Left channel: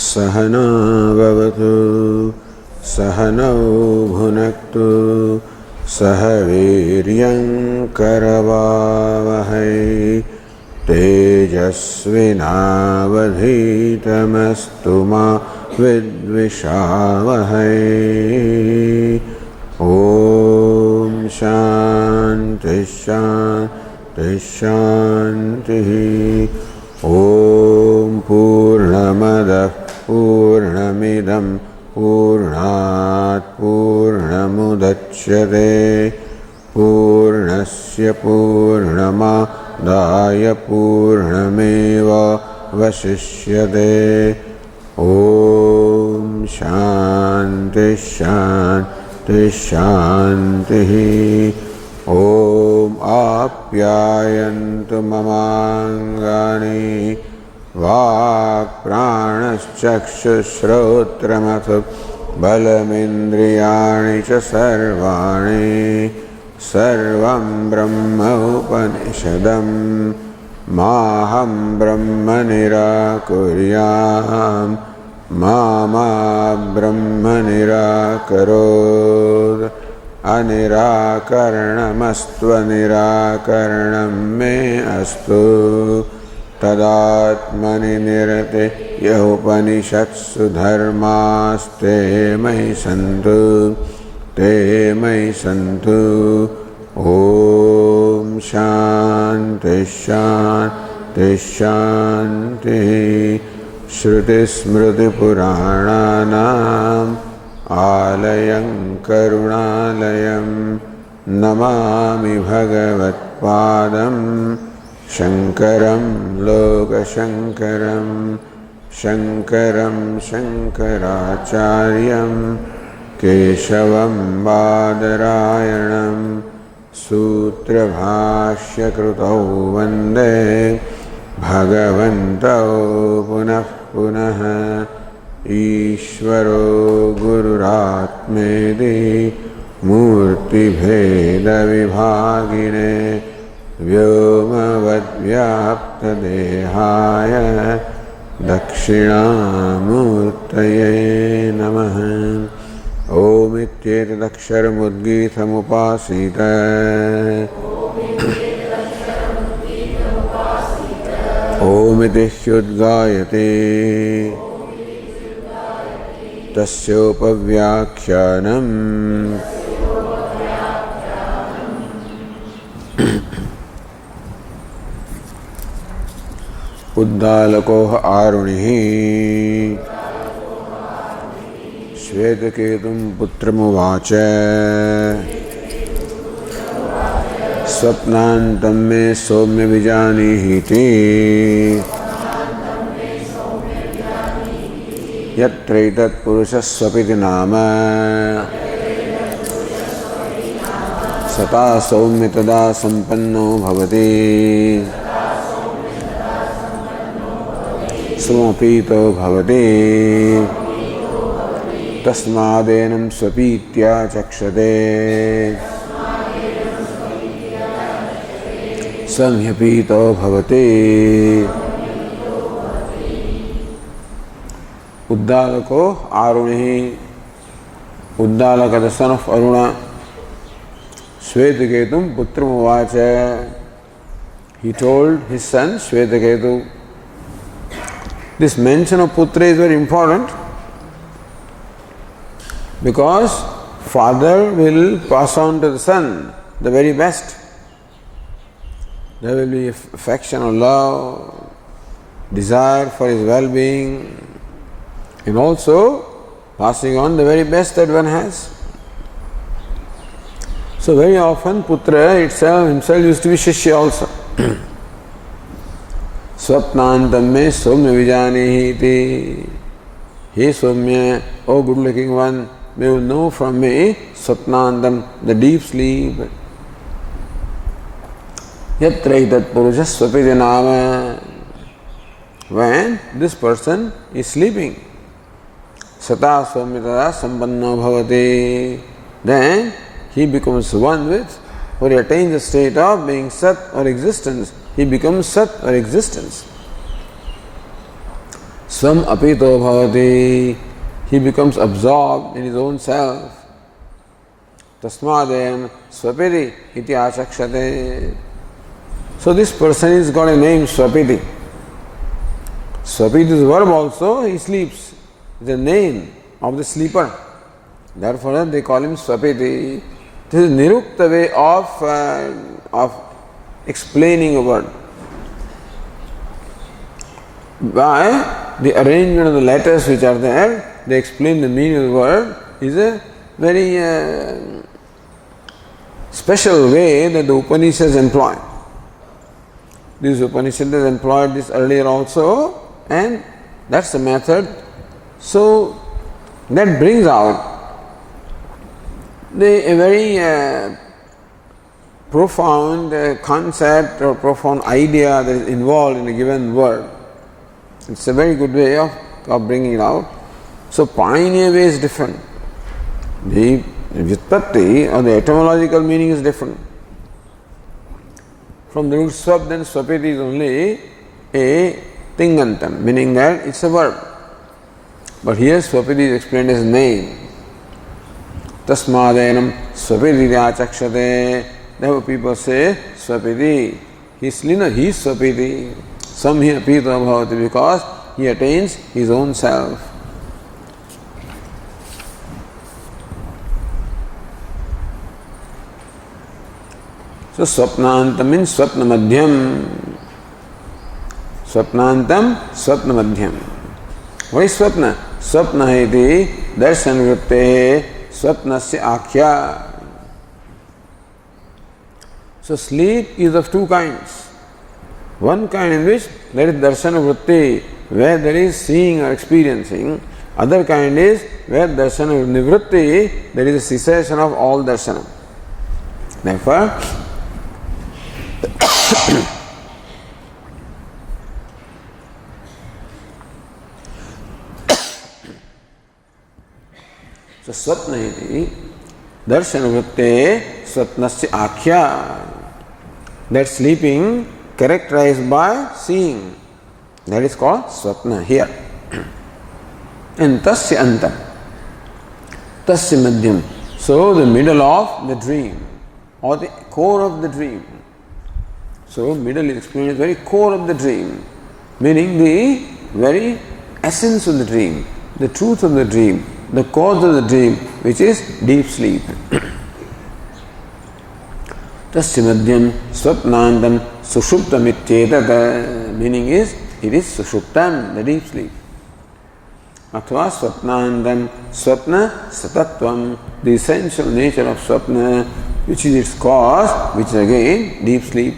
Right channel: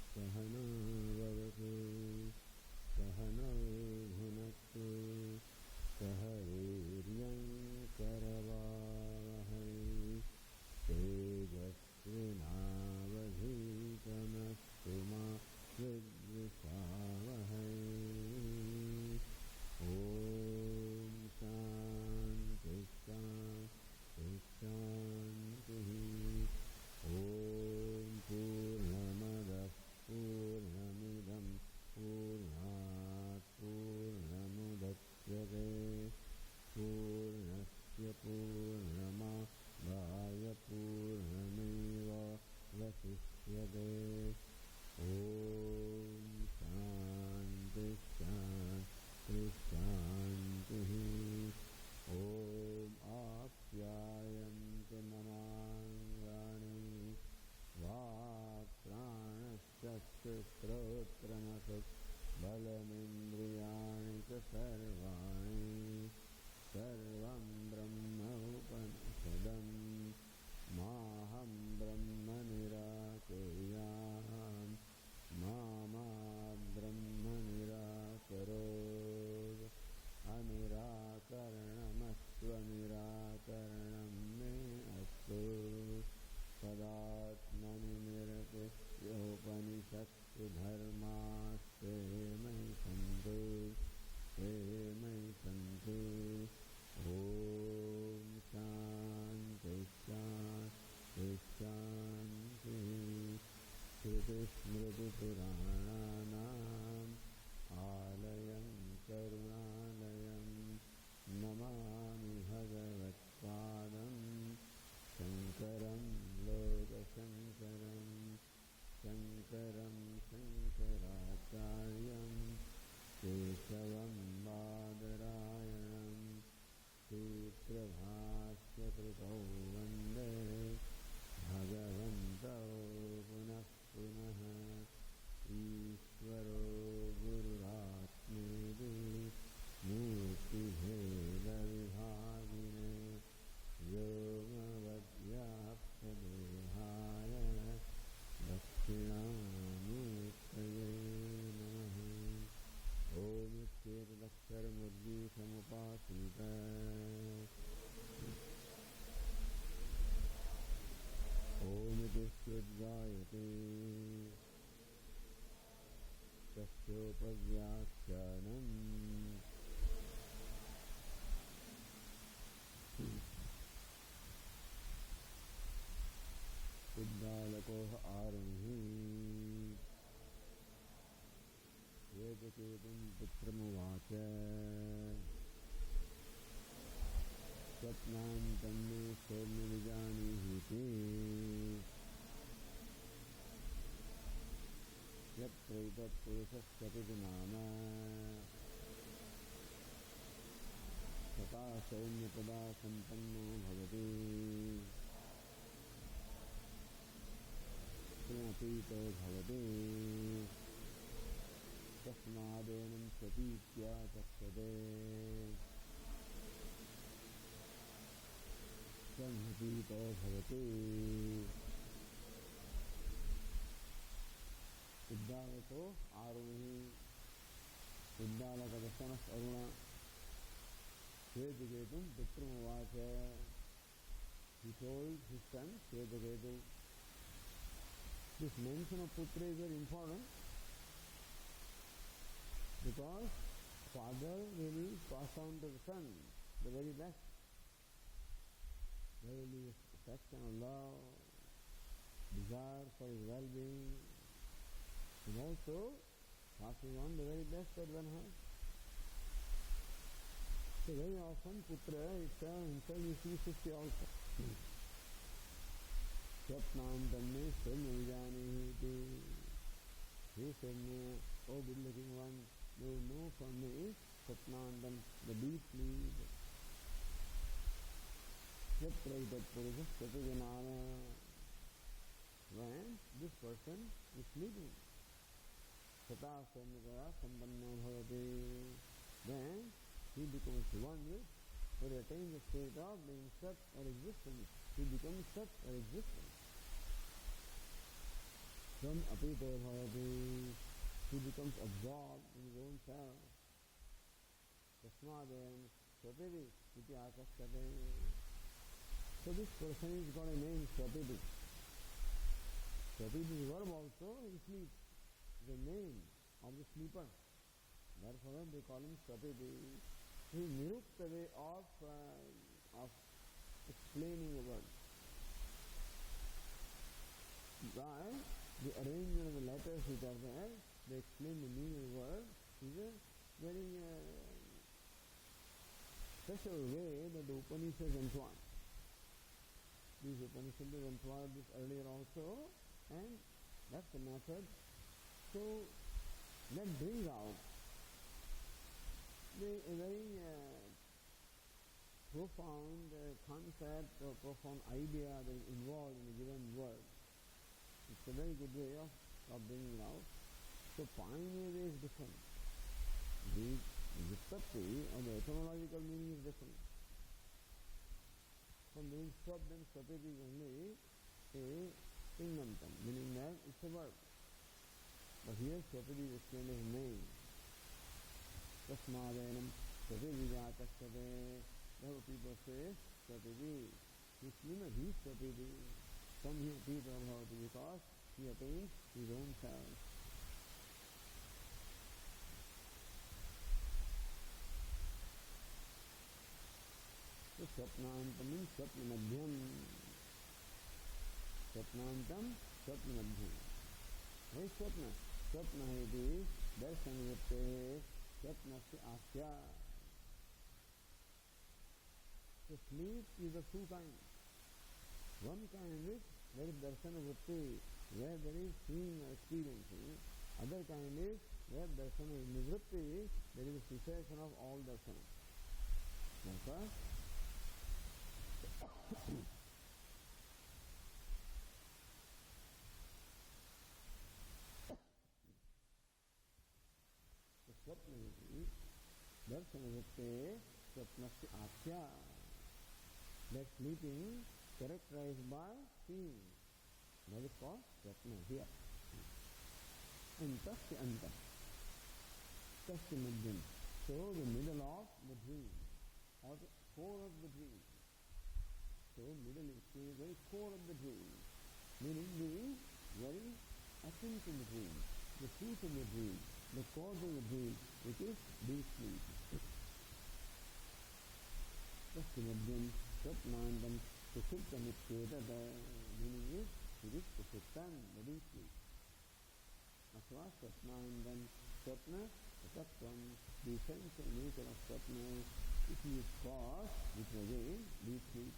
सहना भवतु सहनौ भुनक्तु सह वीर्यं करवावहै तेजस्विनावधीतमस्तु मा विद्विषावहै। ॐ शान्ति शान्ति शान्तिः। ॐ पूर्णमदः पूर्णमिदं पूर्णात् पूर्णमुदच्यते पूर्णस्य पूर्णमादाय पूर्णमेवावशिष्यते। ॐ शान्ति शान्ति शान्तिः। ॐ आप्यायन्तु ममाङ्गानि वाक्प्राणश्चक्षुश्रोत्रमथो बलमिन्द्रियाणि च सर्वाणि सर्वं ब्रह्म उपनिषदं माहं ब्रह्म निराकुर्याम् मा ब्रह्म निराकरोत्। अनिराकरणमस्त्वनिराकरणं मे अस्तु तदात्मनि निरते य उपनिषत्सु धर्मास्ते मयि सन्तु ते मयि सन्तु। ॐ शान्ति शान्ति शान्तिः। श्रुतिस्मृतिपुराणानाम् आलयं करुणालयं नमामि भगवत्पादं शङ्करं लोकशङ्करं शङ्करं शङ्कराचार्यं केशवं बादरायणं सूत्रभाष्यकृतौ वन्दे भगवन्तौ पुनः पुनः। ईश्वरो गुरुरात्मेति मूर्तिभेदविभागिने व्योमवद्व्याप्तदेहाय दक्षिणामूर्तये नमः। ओमित्येतदक्षरमुद्गीतमुपासीत ओमिति ह्युद्गायते तस्योपव्याख्यानम् उद्दालकोह आरुणिः श्वेतकेतुं पुत्रमुवाच स्वप्नान्तं मे सौम्य विजानीहीति यत्रैतत्पुरुषस्वपिति नाम सता सौम्य तदा सम्पन्नो भवति समपीतो भवति तस्मादेनं स्वपीत्या चक्षते संह्यपीतो भवति। उद्दालको आरुणिः Uddalak the son of Aruna Shvetaketum Putramuvacha. He told his son Shvetaketu. This mention of Putra is very important because father will pass on to the son the very best. There will be affection or love, desire for his well-being, and also passing on the very best that one has. So very often Putra himself used to be Shishya also. Swapnantam me Somya Vijanihiti. He Somya, oh good looking one, may you know from me Swapnantam, the deep sleep. Yatraitat Purusha Swapiti Nama. When this person is sleeping, Sata Swamitada Sampanno Bhavati, then he becomes one with, or he attains the state of being Sat or existence. He becomes Sat or existence. Swam apito bhavati. He becomes absorbed in his own self. Tasmadayam swapiti iti achakshate. So this person has got a name, Swapiti. Swapiti is a verb also, he sleeps. It's a name of the sleeper. Therefore they call him Swapiti. This is nirukta way of explaining a word. By the arrangement of the letters which are there, they explain the meaning of the word is a very special way that the Upanishads employ. This Upanishad has employed this earlier also, and that's the method. So that brings out a very profound concept or profound idea that is involved in a given word. It's a very good way of bringing it out. So pioneer way is different. The Vyutpatti or the etymological meaning is different. From the root swap, then swapiti is only a tingantam, meaning that it's a verb. But here swapiti is explained as name. Tasmadenam swapiti achakshate. Therefore people say swapiti. He's swapiti. Samhi apito bhavati, because he attains his own self. So swapnantam means swapna madhyam. Swapnantam, swapna madhyam. What is swapna? Swapna iti darshan vritte swapnasya akhya. So sleep is of two kinds. One kind in which there is darshan vritti, where there is seeing or experiencing. Other kind is where darshan nivritti, there is a cessation of all darshanam. Therefore, so swapna iti darshan vritte swapnasya akhya. That sleeping characterized by seeing. That is called swapna here. And tasya antam. Tasya madhyam. So the middle of the dream or the core of the dream. So middle is explained as very core of the dream, meaning the very essence of the dream, the truth of the dream, the cause of the dream, which is deep sleep. Tasya madhyam swapnandam sushuptam ityetata, meaning is it is sushuptam, the deep sleep. Athva swapnandam swapna satatvam, the essential nature of swapna, which is its cause, which is again deep sleep.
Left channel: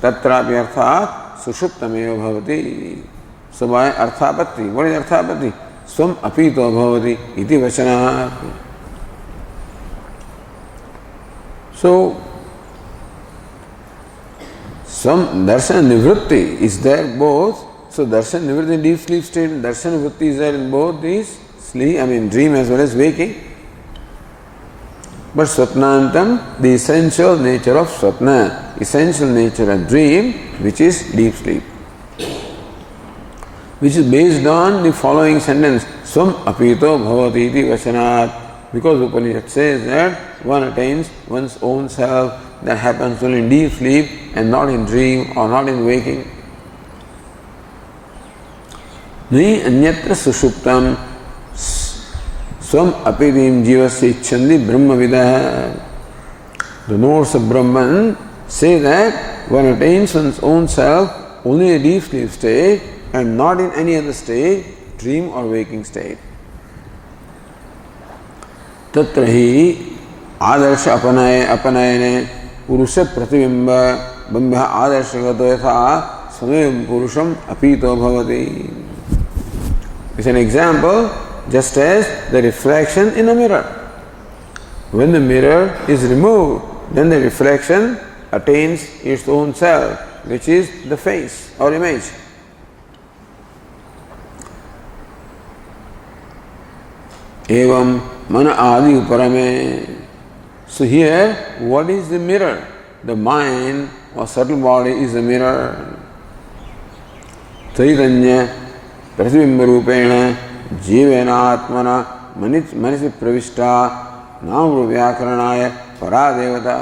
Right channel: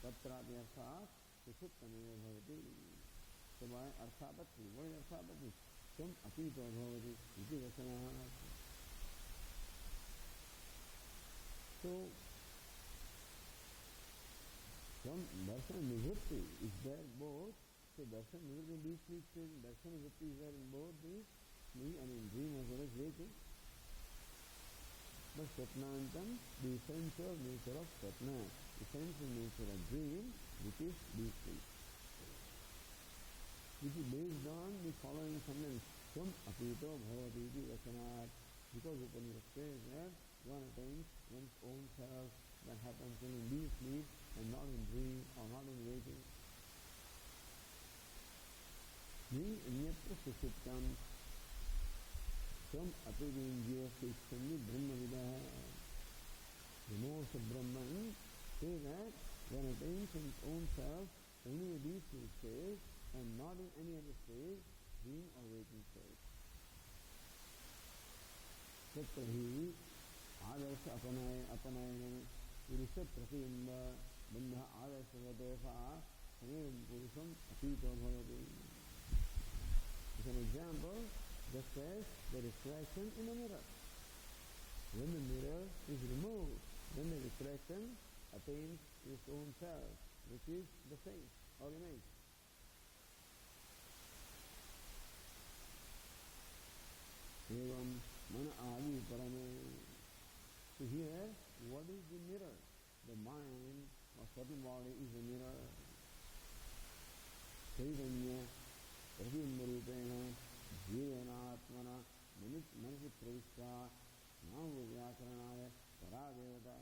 Tatrapi arthat sushuptameva bhavati. So by arthapatti, what is arthapatti? Swam apito bhavati iti vachanat. So some darshan nivritti is there both. So darshan nivritti in deep sleep state, darshan nivritti is there in both these sleep, dream as well as waking. But swapnantam, the essential nature of swapna, essential nature of dream, which is deep sleep, which is based on the following sentence, swam apito bhavati iti vachanat, because Upanishad says that one attains one's own self. That happens only in deep sleep and not in dream or not in waking. Ni anyatra sushuptam swam apidim jivasya ichchandi brahma vidah. The notes of Brahman say that one attains one's own self only in a deep sleep state and not in any other state, dream or waking state. Tatra hi adarsha apanayane purusha pratibimba bambha adarsha yatha swamayam purusham apito bhavati. It's an example, just as the reflection in a mirror. When the mirror is removed, then the reflection attains its own self, which is the face or image. Evam mana adi uparame. So here, what is the mirror? The mind or subtle body is the mirror. Chaitanya प्रतिबिंब रूपेण जीवेन आत्मना मनसि प्रविष्टा नाम व्याकरणाय परा देवता.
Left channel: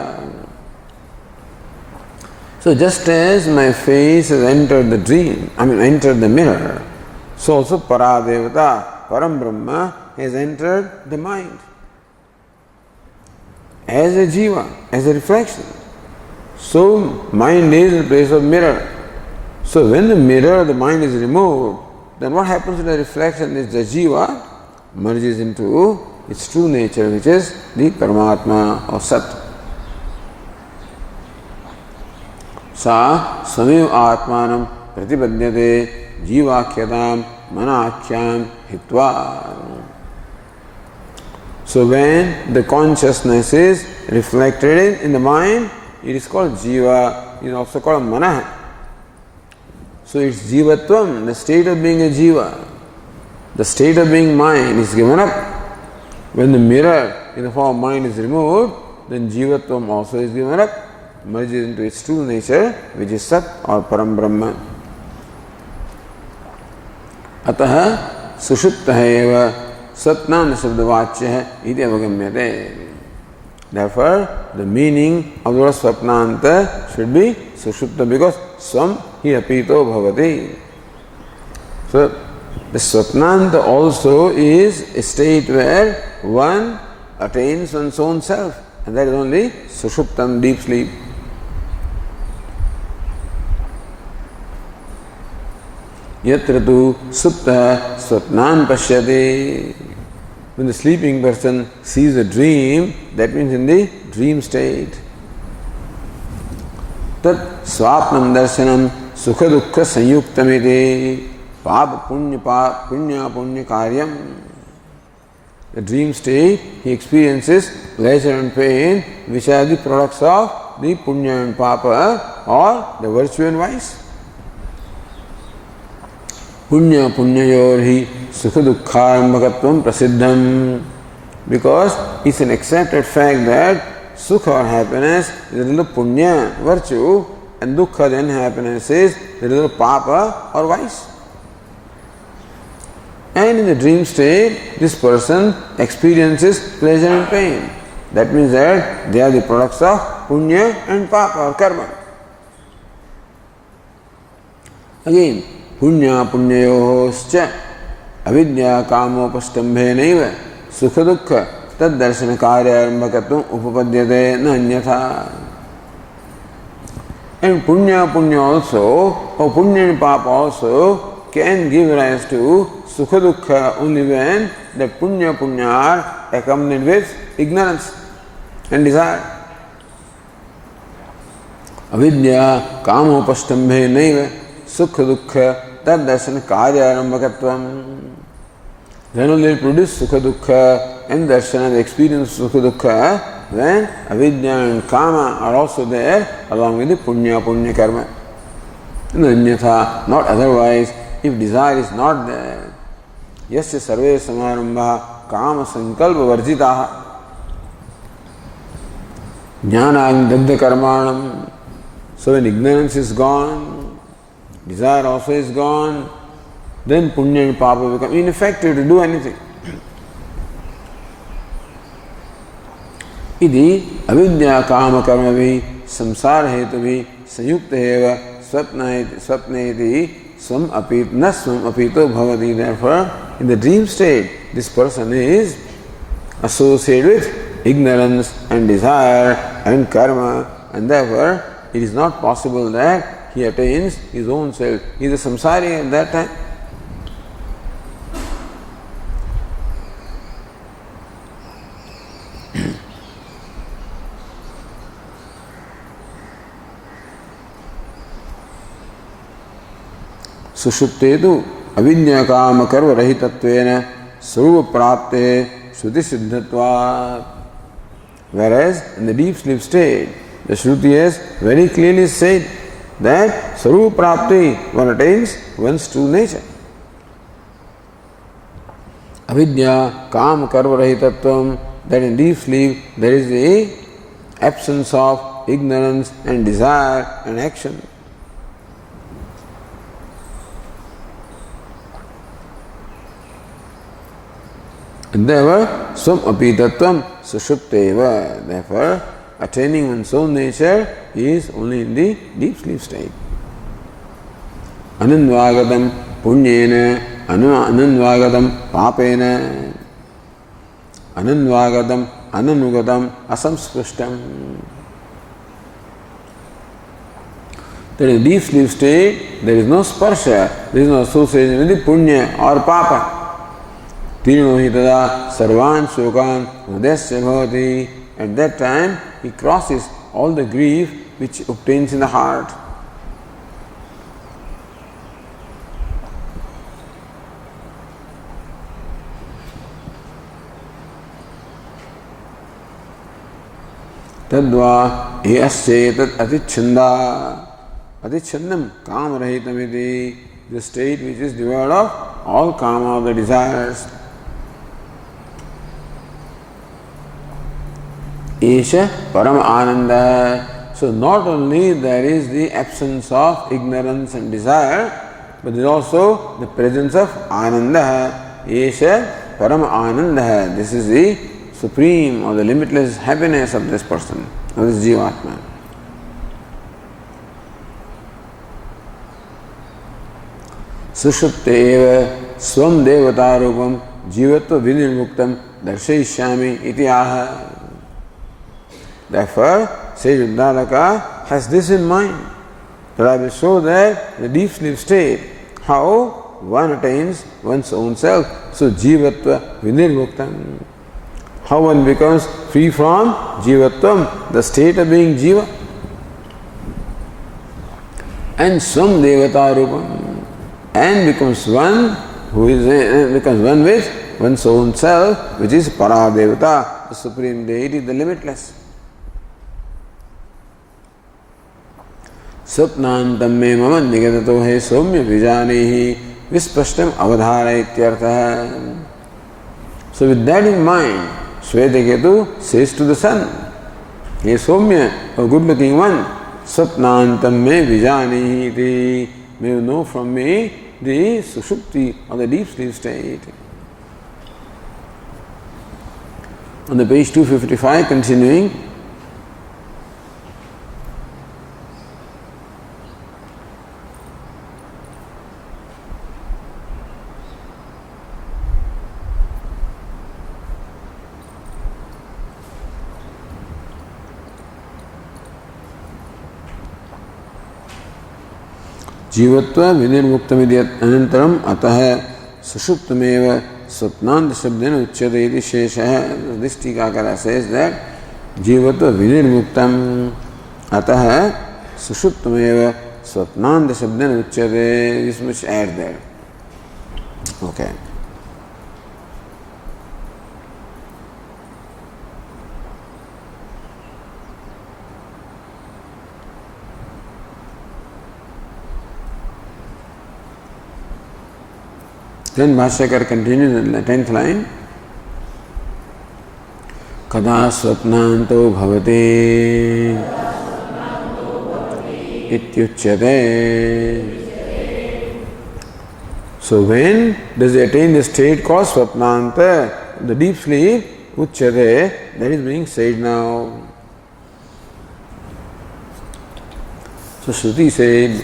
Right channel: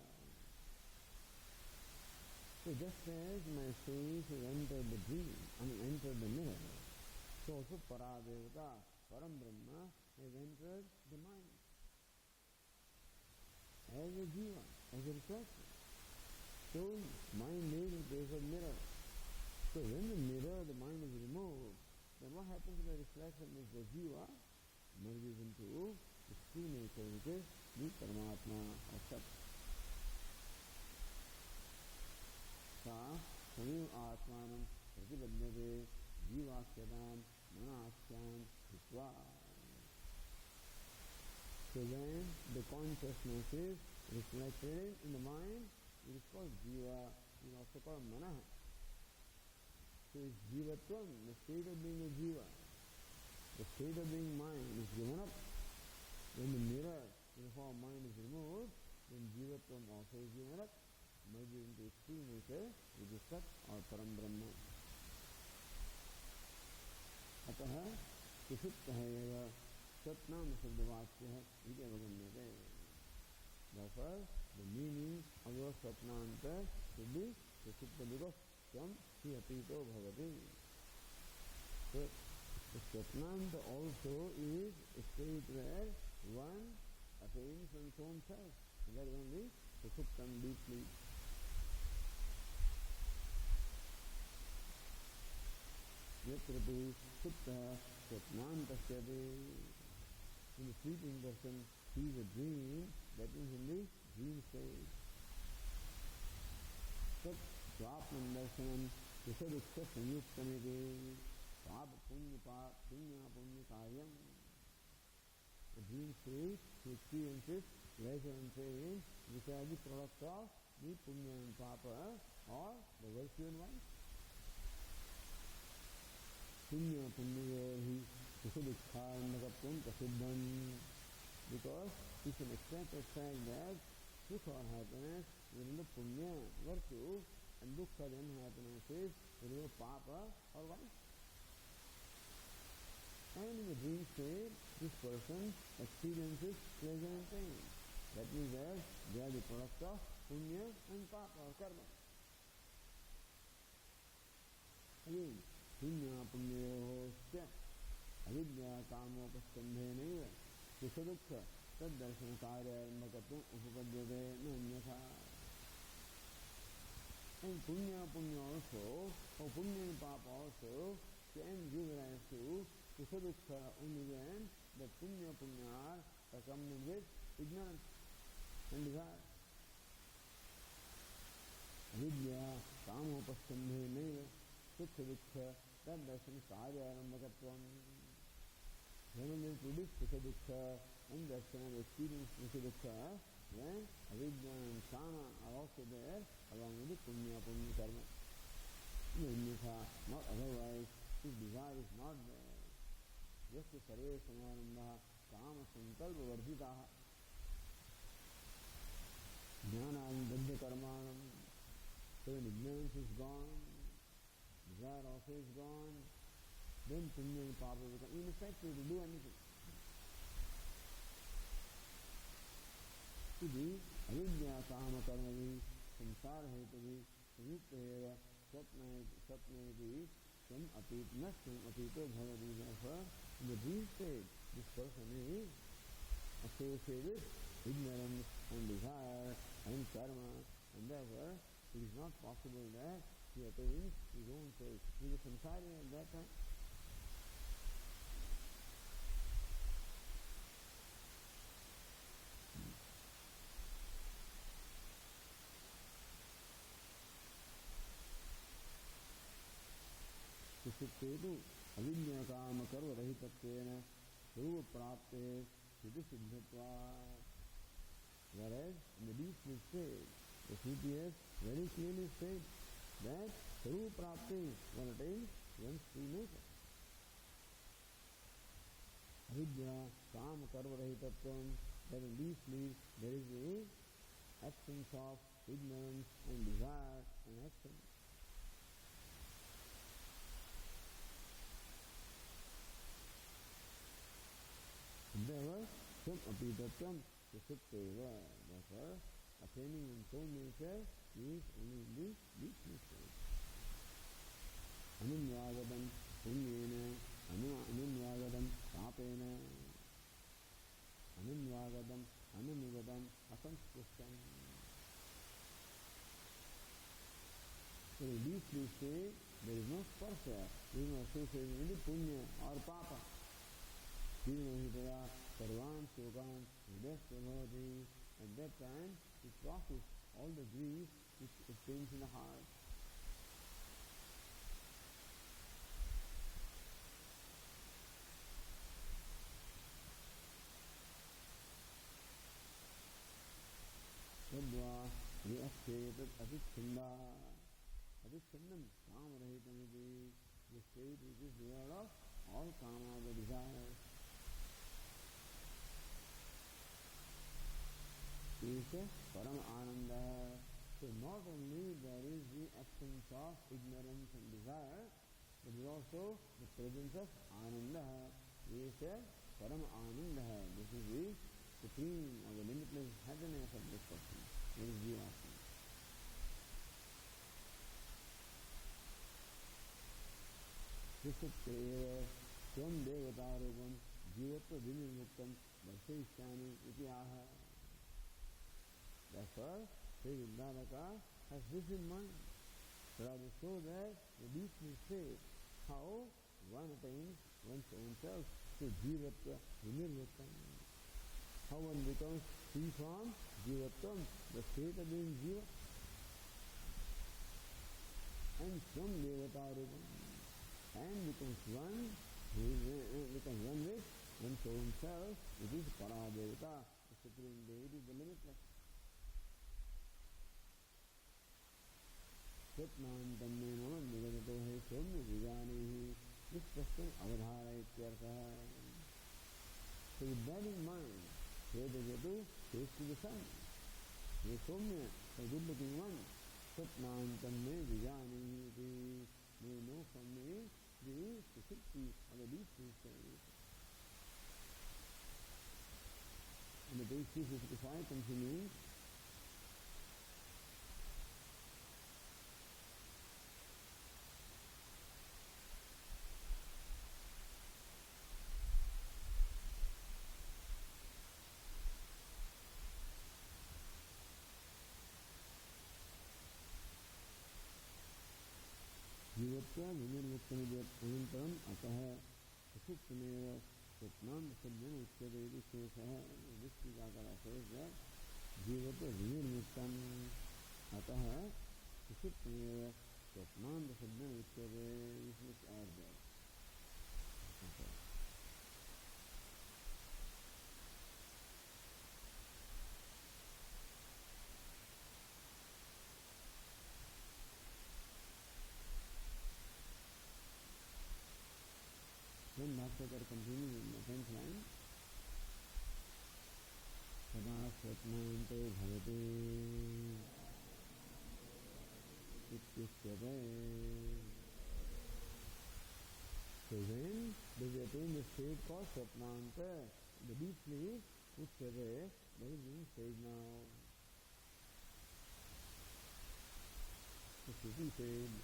So just as my face has entered the dream, entered the mirror, so also para devata, param brahma has entered the mind as a jiva, as a reflection. So mind is the place of mirror. So when the mirror, the mind is removed, then what happens to the reflection is the jiva merges into its true nature, which is the Paramatma or Sat. सा स्वमेव आत्मानं प्रतिपद्यते जीवाख्यतां मनाख्यां हित्वा. So when the consciousness is reflected in the mind, it is called jiva, it is also called manah. So it's jivatvam, the state of being a jiva, the state of being mind is given up. When the mirror in the form of mind is removed, then jivatvam also is given up, merges into its true nature, which is Sat or Param Brahma. अतः सुषुप्तः एव सत्नाम शब्दवाच्यः इति अवगम्यते. Therefore, the meaning of the word swapnanta should be sushupta, because swam hi apito bhavati. So, the swapnanta also is a state where one attains one's own self, and that is only sushuptam, deep sleep. Yatra tu supta swapnan pashyati. When the sleeping person sees a dream, that means in the dream state. Tat swapnam darshanam sukha dukkha sanyuktamiti papa punya karyam. The dream state, he experiences pleasure and pain, which are the products of the punya and papa, or the virtue and vice. Punya punyayorhi sukha dukkharambhakatvam prasiddham. Because it's an accepted fact that sukha or happiness is a little punya, virtue, and dukkha, then happiness, is a little papa or vice. And in the dream state, this person experiences pleasure and pain. That means that they are the products of punya and papa or karma. Again, punya punyayoscha avidya kamopastambhenaiva sukha dukkha tad darshana karyarambhakatvam upapadyate na anyatha. And punya also, or punya and papa also, can give rise to sukha dukkha only when the punya are accompanied with ignorance and desire. Avidya kamopastambhenaiva sukha dukkha tad darshana karyarambhakatvam. Then only it produce sukha dukkha and darshana, the experience of sukha dukkha, when avidya and kama are also there along with the punya karma. And anyatha, not otherwise, if desire is not there. Yasya sarve samarambha kama sankalpa varjitaha jnanam dagdha karmanam. So when ignorance is gone, desire also is gone, then punya and papa become ineffective to do anything. Idi avidya kama karma vi samsara hetu vi sanyukta eva swapneti swam apit na swam apito bhavati. Therefore, in the dream state, this person is associated with ignorance and desire and karma, and therefore it is not possible that he attains his own self. He is a samsari at that time. सुषुप्ते तु अविद्या काम कर्म रहितत्वेन स्वरूप प्राप्ते श्रुति सिद्धत्वात्. Whereas in the deep sleep state, the Shruti has very clearly said that Sarupa Prapti, one attains one's true nature. Avidya, Kam, Karma, Rahitatvam, that in deep sleep there is the absence of ignorance and desire and action. Endeavor swam apitatvam sushupteva. Therefore, attaining one's own nature is only in the deep sleep state. Anandvagatam punyena, anandvagatam papena, anandvagatam ananugatam asamsprishtam. That in deep sleep state, there is no sparsha, there is no association with the punya or papa. Tirino hi tada sarvan shokan hridayasya bhavati. At that time, he crosses all the grief which obtains in the heart. Tadva eyasyetad atichanda. Atichandam kamarahitamiti. The state which is devoid of all kama, the desires. Esha param ananda. So not only there is the absence of ignorance and desire, but there is also the presence of ananda. Esha param ananda. This is the supreme or the limitless happiness of this person, of this Jivatma. Sushupte eva swam devatarupam jivatva vinirmuktam darshayishyami iti aha. Therefore, sage Uddalaka has this in mind, that I will show that the deep sleep state, how one attains one's own self. So, jivatva vinirmuktam. How one becomes free from jivatvam, the state of being jiva. And swam devatarupam, and becomes one who is becomes one with one's own self, which is Paradevata, the supreme deity, the limitless. Sapnantam me mama nigatato he somya vijanehi vispashtam avadhara ityartha. So with that in mind, Shvetaketu says to the sun, He Somya, a good looking one, Sapnantam me vijanehi iti. May you know from me the sushupti or the deep sleep state. On the page 255, continuing. जीवत्व विनिर्मुक्तमिति अनंतरम अतः सुषुप्तमेव स्वप्नांत शब्देन उच्यते इति शेषः. This टीकाकार says that जीवत्व विनिर्मुक्तम अतः सुषुप्तमेव स्वप्नांत शब्देन उच्यते. This much add there. Okay. Then Bhashyakar continues in the 10th line. Kada swapnanto bhavati ityuchyate. So when does he attain the state called swapnanta, the deep sleep, uchyate, that is being said now. So Shruti said,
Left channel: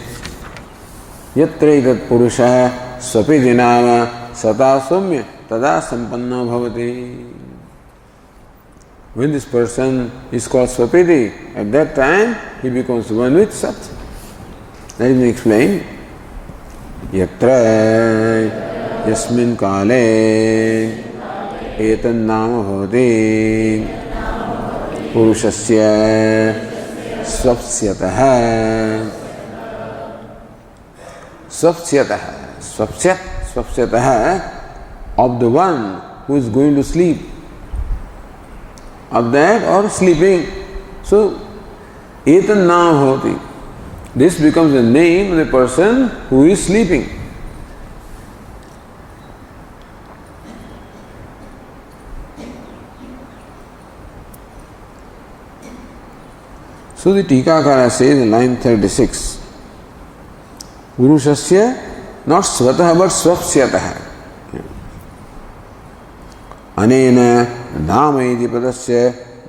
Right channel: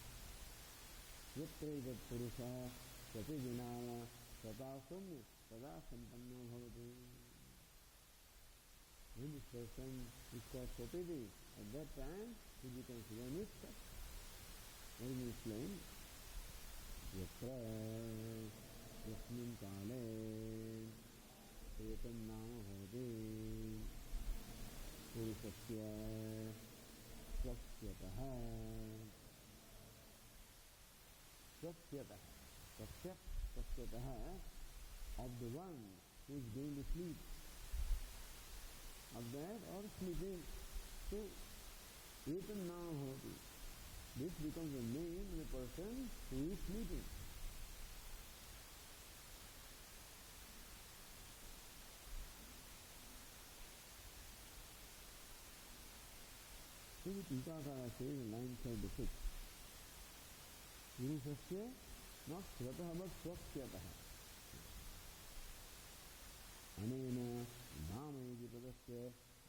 yatra itat purusha स्वपिति नाम सता सौम्य तदा संपन्नो भवति. When this person is called Swapiti, at that time he becomes one with Sat. That is explained. Yatra yasmin kale etan nama bhavati purushasya swapsyatah. Swapsyatah. Swapsyatah, of the one who is going to sleep, of that or sleeping. So, etan nama bhavati. This becomes the name of the person who is sleeping. So the Tikakara says in line 36, Purushasya, not swatah but swapsyatah. अनेन नाम इति पदस्य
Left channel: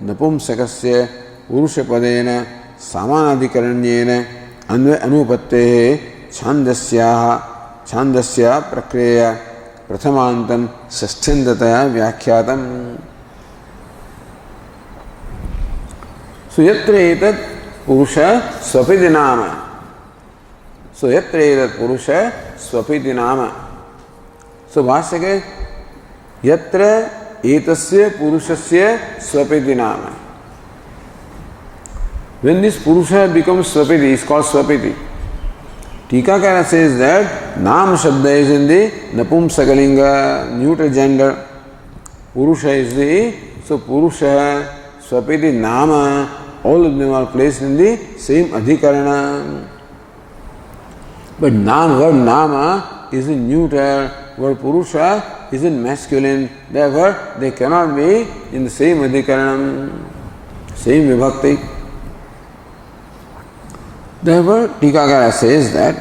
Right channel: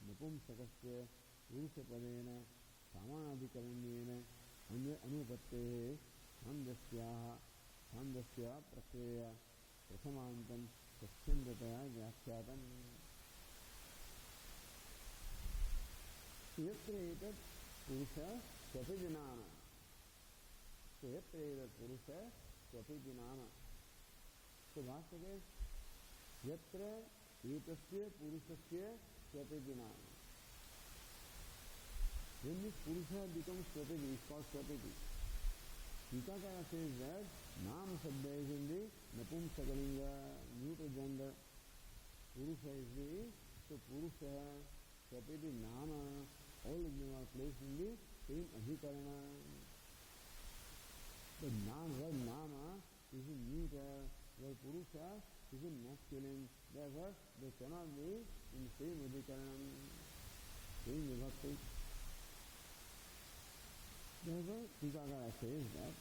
नपुंसकस्य पुरुषपदेन सामानाधिकरण्येन अनुपत्तेः छान्दस्या प्रक्रिया प्रथमान्तं षष्ठ्यन्ततया व्याख्यातम्. सो यत्र एतत् पुरुष स्वपिति नाम. सो यत्र एतत् पुरुष स्वपिति नाम. सो भाष्य के यत्र एतस्य पुरुषस्य स्वपिति नाम. When this purusha becomes swapiti, is called swapiti. Tikakara says that Nam Shabda is in the Napumsakalinga, neuter gender. Purusha is the, so Purusha, Swapiti, Nama, all of them are placed in the same Adhikarana. But word Nama is in neuter, word Purusha is in masculine. Therefore, they cannot be in the same Adhikarana, same Vibhakti. Therefore, Tikakara says that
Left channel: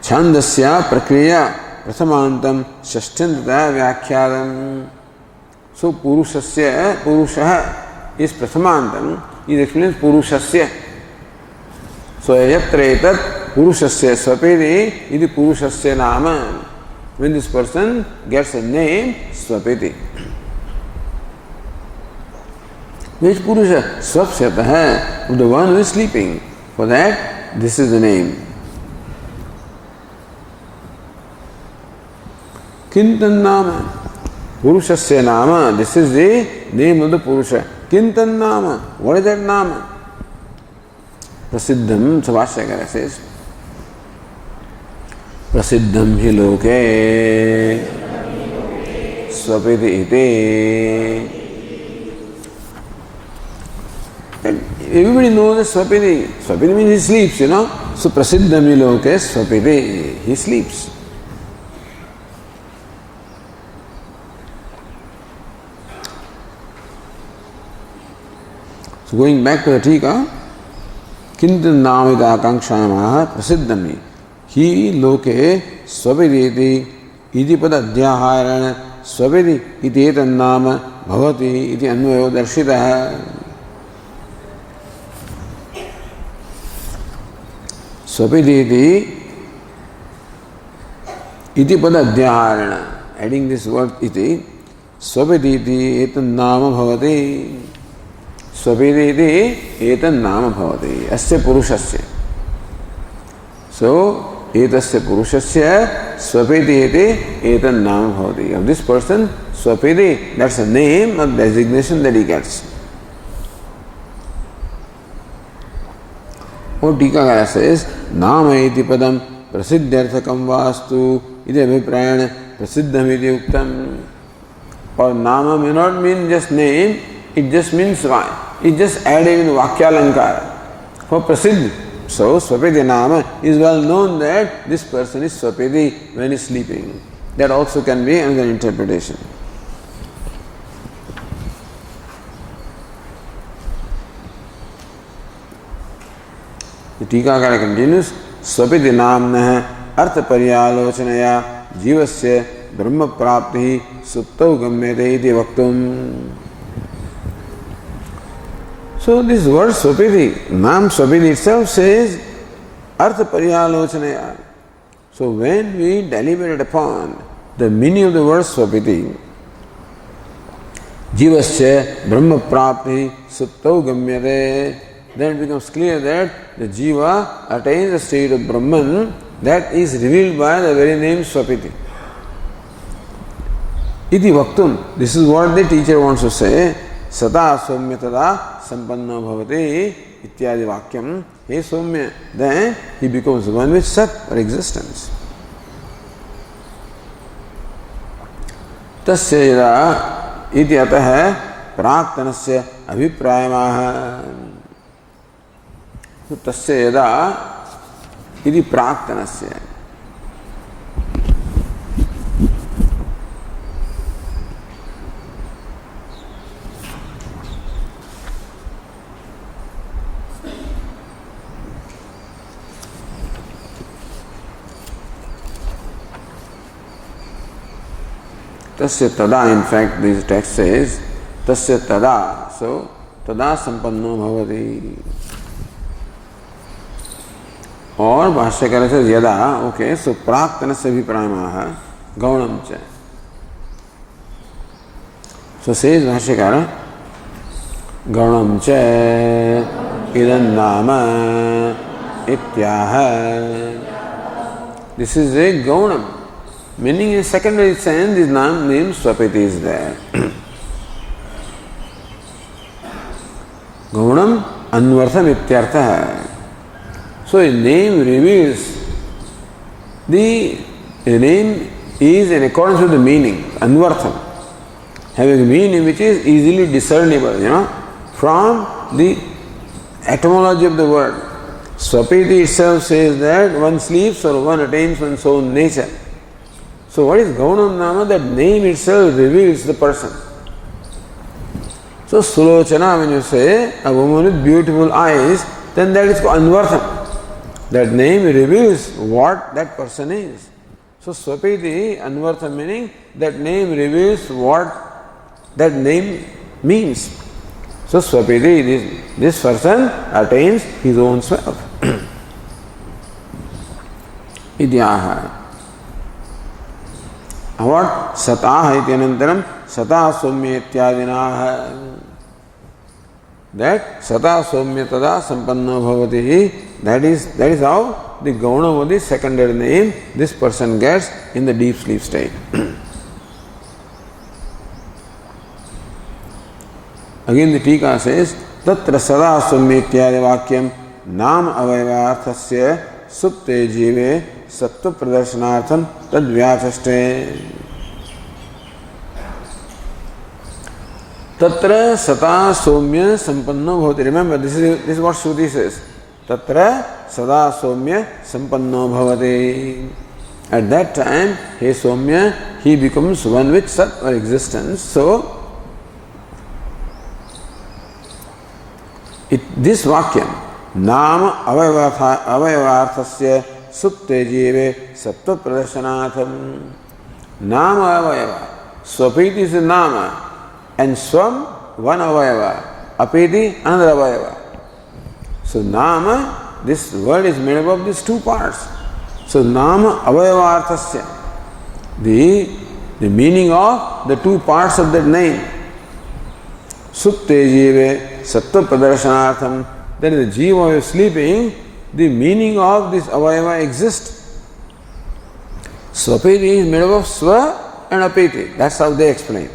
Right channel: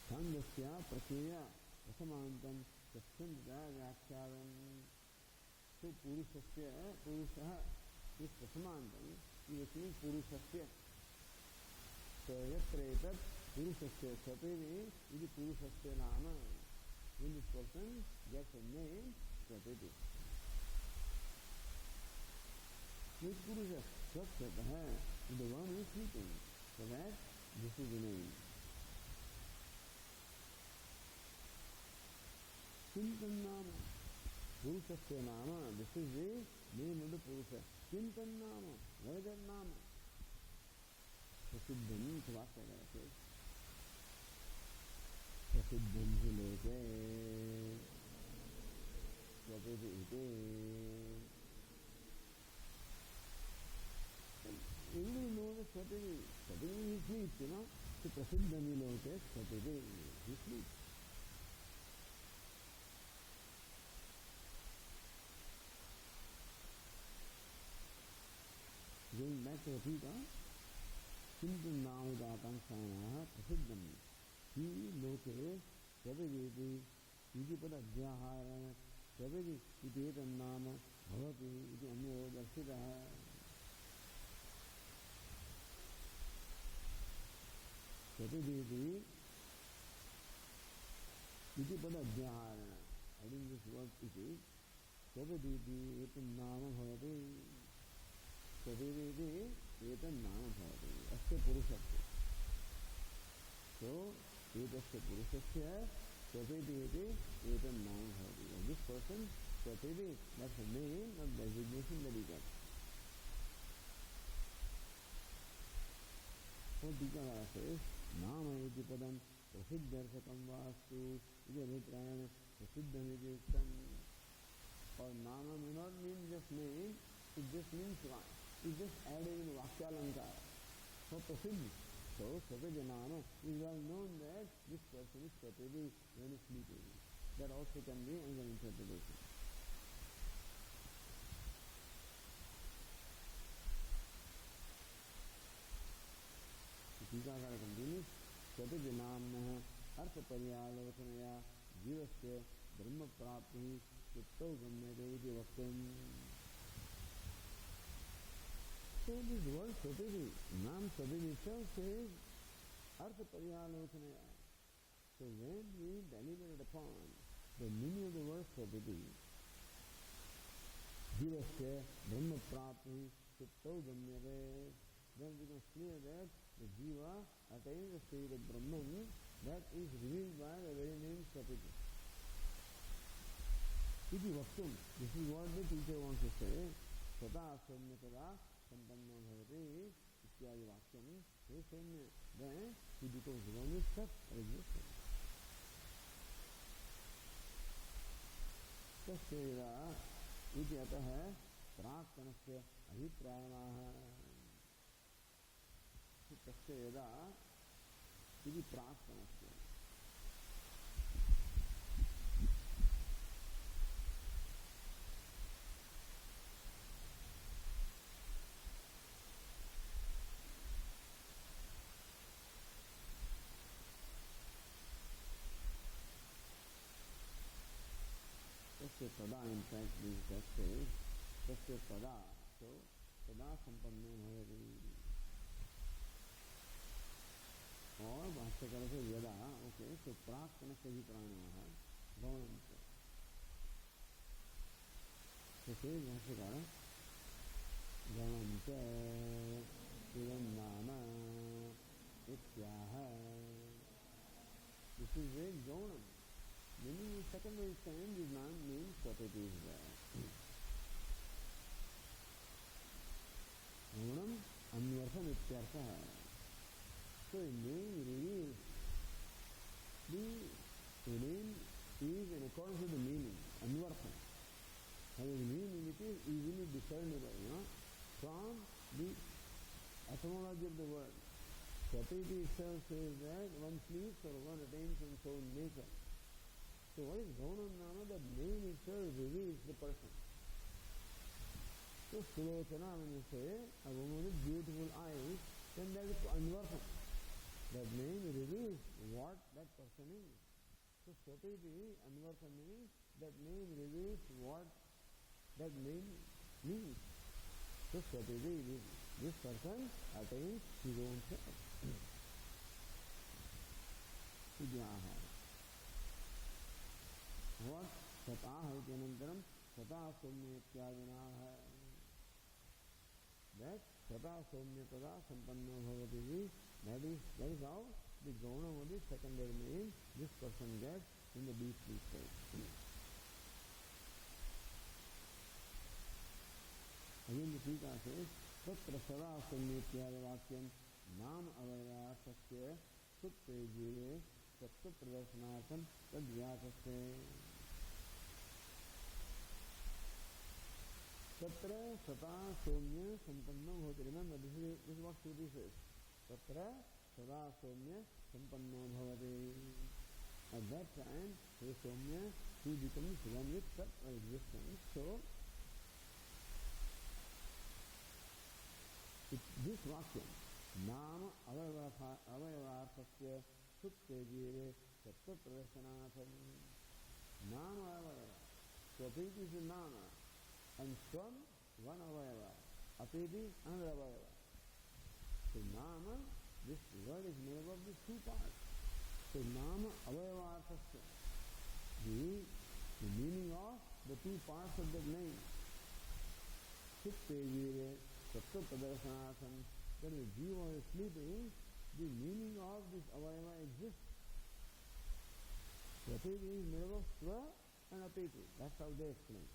Chhandogya prakriya prathamantam shashtantata vyakhyadam. So Purusha is prathamantam. It explains Purushasya. So yatra etat Purushasya swapiti iti Purushasya nama. When this person gets a name, swapiti. Which Purusha? Swapsyatah, the one who is sleeping. For that, this is the name. Kintan nama. Purushasya nama. This is the name of the Purusha. Kintan nama. What is that nama? Prasiddham, Savashyakara says. Prasiddham hi loke swapiti iti. Everybody knows that Swapiti. Swapiti means he sleeps, you know. So Prasiddhami loke Swapiti. He sleeps. So going back to the Tika, Kintan namita akankshamaha Prasiddhami. He loke Swapiti iti iti padadhyaharana Swapiti iti etan nama bhavati iti anvayo darshitaha. Swapiti iti padadhyaharana. Adding this word iti, swapiti iti etan nama bhavati. Swapiti iti etan nama bhavati. Asya purushasya. So, etasya purushasya swapiti iti etan nama bhavati. Of this person, swapiti, that's a name or designation that he gets. Or Tikakara says, Nama iti padam prasiddhyarthakam vastu iti abhiprayana prasiddham iti uktam. Or Nama may not mean just name, it just means it just added in Vakyalankara. For Prasiddh, so Swapiti Nama is well known that this person is Swapiti when he is sleeping. That also can be another interpretation. The Tikakara continues, Swapiti namnah artha paryalochanaya jivasya brahma prapti suptau gamyate iti vaktum. So this word Swapiti, Nam Swapiti itself says artha paryalochanaya. So when we deliberate upon the meaning of the word Swapiti, jivasya brahma prapti suptau gamyate, then it becomes clear that the jiva attains a state of Brahman that is revealed by the very name Swapiti. Iti vaktum, this is what the teacher wants to say. Sata somyatada sampanna bhavati ityadi vakyam. Hey somya, then he becomes one with sat or existence. Tasya yada iti atah praktanasya abhiprayamaha. Tasya yada iti praktanasya. Tasya tada, in fact, this text says, Tasya tada. So, tada sampanno bhavati. और भाष्यकार से यदा, okay, सो प्राक्तन से भी प्रायमाह गौणम च. So says भाष्यकार, गौणम च इदं नाम इत्याह. This is a gaunam, meaning in secondary sense, this name Swapiti is there. Gaunam anvartham ityartha. So a name reveals the name is in accordance with the meaning, anvartham, having a meaning which is easily discernible, from the etymology of the word. Swapiti itself says that one sleeps or one attains one's own nature. So what is Gaunam Nama? That name itself reveals the person. So Sulochana, when you say a woman with beautiful eyes, then that is called Anvartham. That name reveals what that person is. So Swapiti, Anvartham, meaning that name reveals what that name means. So Swapiti, this person attains his own self. Idyaha. What? Sataha ityanantaram Sata Somya ityadinaha. That Sata Somya tada sampanno bhavati. That is how the Gaunam of the secondary name this person gets in the deep sleep state. Again the Tika says, Tatra Sada Somya ityadi vakyam Nam avayvarthasya supte jive sattva pradarsanartham tad vyachaste. Tatra Sata Somya Sampanno Bhavati. Remember, this is what Shruti says. Tatra Sada Somya Sampanno Bhavati. At that time, he Somya, he becomes one with Sat or existence. So, this Vakyam, Nama avayavarthasya supte jive sattva pradarshanatham. Nama avayava. Swapiti is a Nama. And Swam, one avayava. Apiti, another avayava. So Nama, this word is made up of these two parts. So Nama avayavarthasya. The meaning of the two parts of that name. Supte jive sattva pradarshanatham. Then the jiva is sleeping, the meaning of this avayava exists. Swapiti is made up of Swa and Apiti. That's how they explain.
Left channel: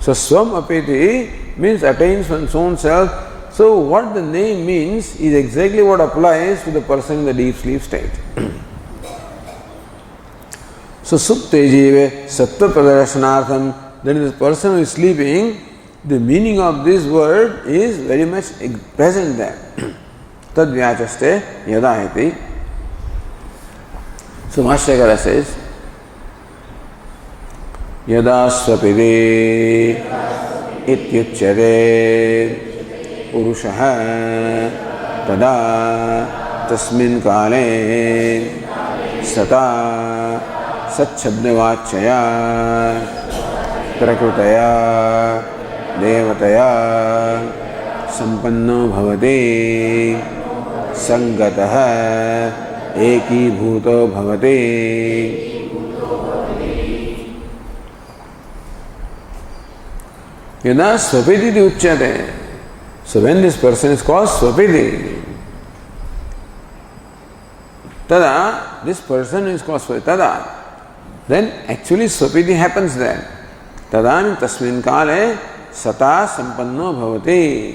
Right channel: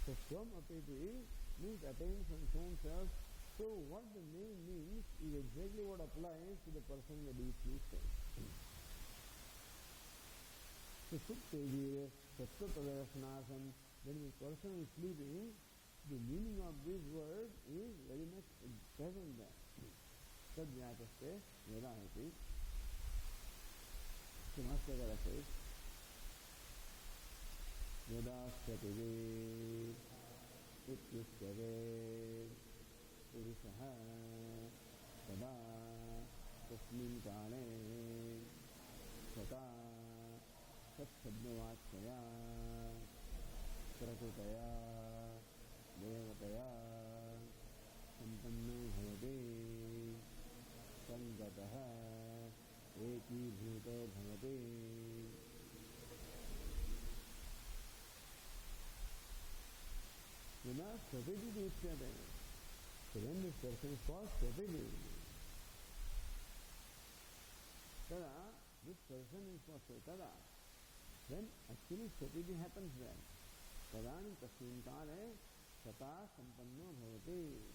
So Swam Apiti means attains one's own self. So what the name means is exactly what applies to the person in the deep sleep state. So Supte jive sattva pradarshanatham. Then this person who is sleeping, the meaning of this word is very much present there. Tad vyachaste yadahiti. So Bhashyakara says, Yada swapiti ityuchyate urushaha tada tasmin kale sata sachabdavachaya prakrutaya देवतया संपन्नो भवति संगतः एकीभूतो भवति. यदा स्वपिति उच्यते. So when this person is called Swapiti, tada, this person is called Swapiti, tada, then actually Swapiti happens there. Tada tasmin kale Sata sampanno bhavati.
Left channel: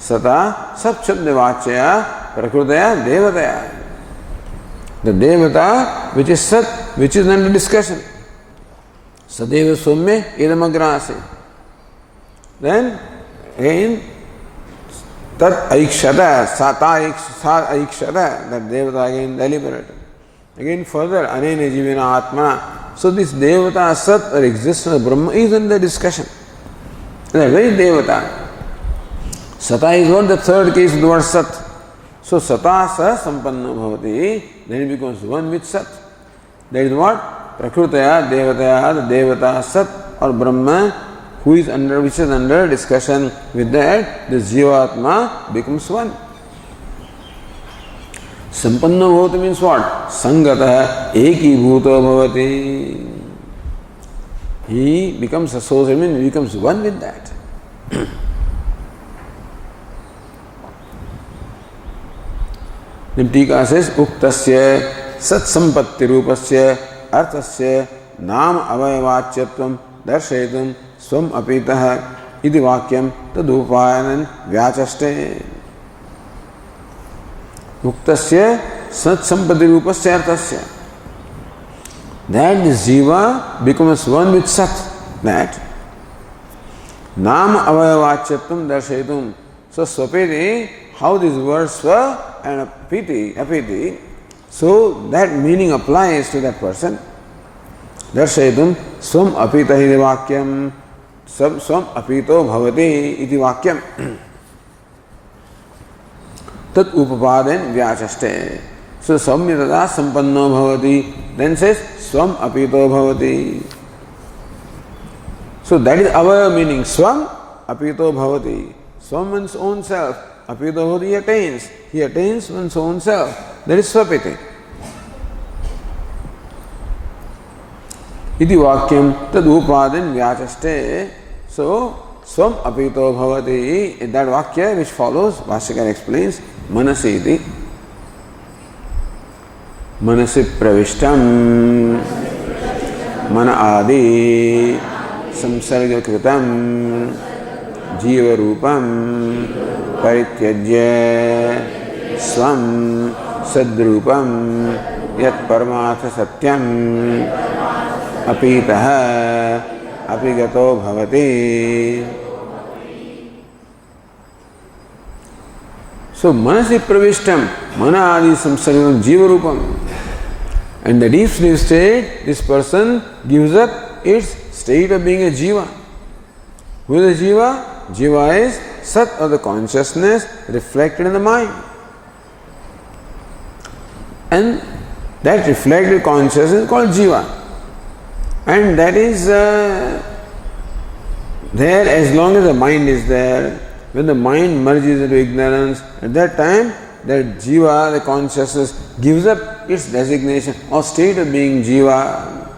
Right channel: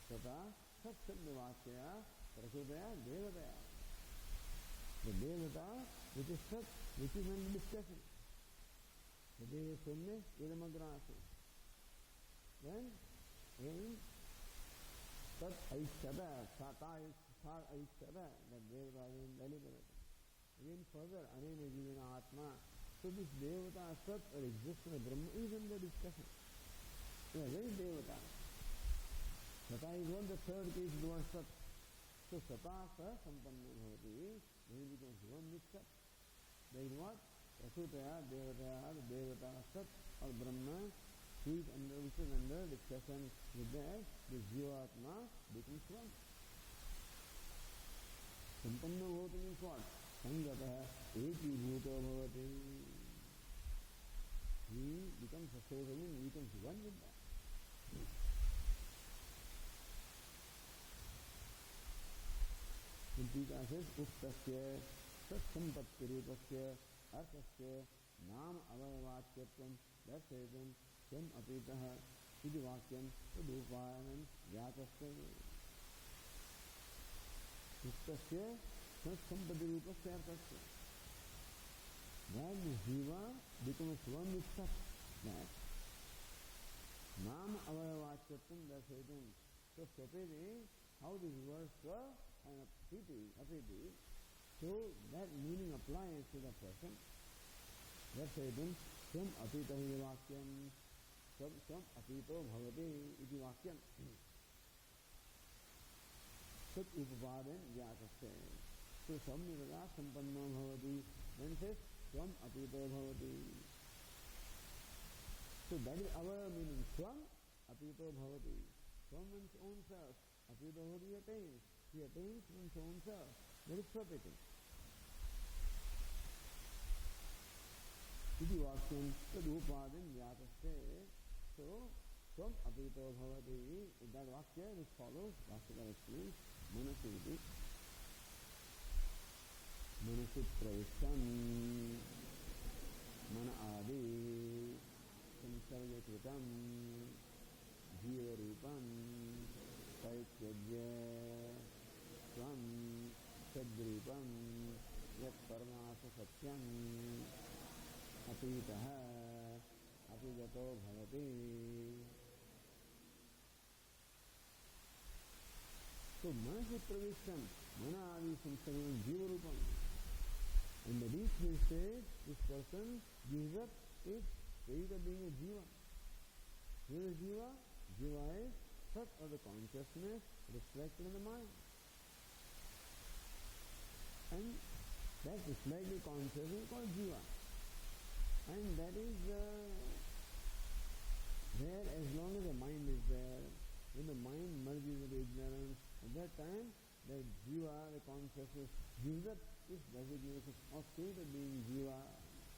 Sata sapshabdavachaya prakrutaya devataya. The devata which is Sat, which is under discussion. Sadeva somya idamagrasi. Then again tat aikshata, sata aikshata, that devata again deliberated. Again further, anena jivina atmana. So this devata Sat or existence of Brahma is under discussion. They are very devata. Sata is what? The third case of the word Sat. So Sata sa sampanna bhavati. Then it becomes one with Sat. That is what? Prakrutaya, Devataya, the Devata Sat or Brahma, which is under discussion, with that, the Jivatma becomes one. Sampanna bhavati means what? Sangata eki bhuto bhavati. He becomes associated, means he becomes one with that. Then Tika says, Uktasya sat sampatti rupasya arthasya nam avayavachyatvam darshayitum swam apitaha iti vakyam tadupayanan vyachaste. Uktasya sat sampatti rupasya arthasya. That the jiva becomes one with sat. That nam avayavachyatvam darshayitum. So swapiti, how these words swa and apiti, so that meaning applies to that person. Darshayitum swam apita iti vakyam, swam apito bhavati iti vakyam. Tat upapaden vyachaste. So samyatata sampanno bhavati, then says swam apito bhavati. So that is our meaning. Swam apito bhavati. Swam one's own self. Apito bhavati, he attains. He attains one's own self. That is swapiti. Iti vakyam tad upaden vyachaste. So swam apito bhavati, in that vakya which follows, Bhashyakara explains, manasi iti. Manasi pravishtam mana adi samsarga kritam jiva rupam parityajya swam sadrupam yat paramatha satyam apitaha apigato bhavati. So manasi pravishtam mana adi samsarga jiva rupam. And the deep sleep state, this person gives up its state of being a jiva. Who is a jiva? Jiva is sat or the consciousness reflected in the mind. And that reflected consciousness is called jiva. And that is there as long as the mind is there. When the mind merges into ignorance, at that time, that jiva, the consciousness, gives up its designation or state of being jiva.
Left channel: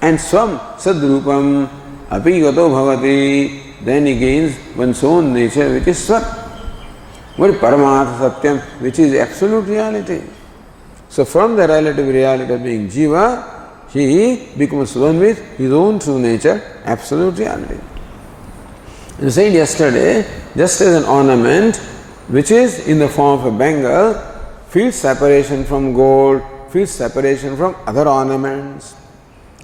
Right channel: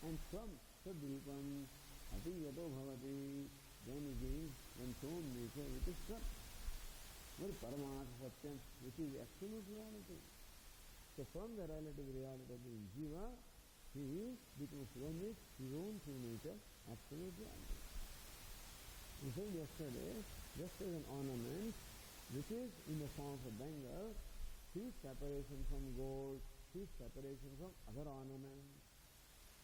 And swam sadrupam apigato bhavati, then he gains one's own nature, which is swat. What is paramatha satyam, which is absolute reality. So from the relative reality of being jiva, he becomes one with his own true nature, absolute reality. You said yesterday, just as an ornament which is in the form of a bangle feels separation from gold, feels separation from other ornaments.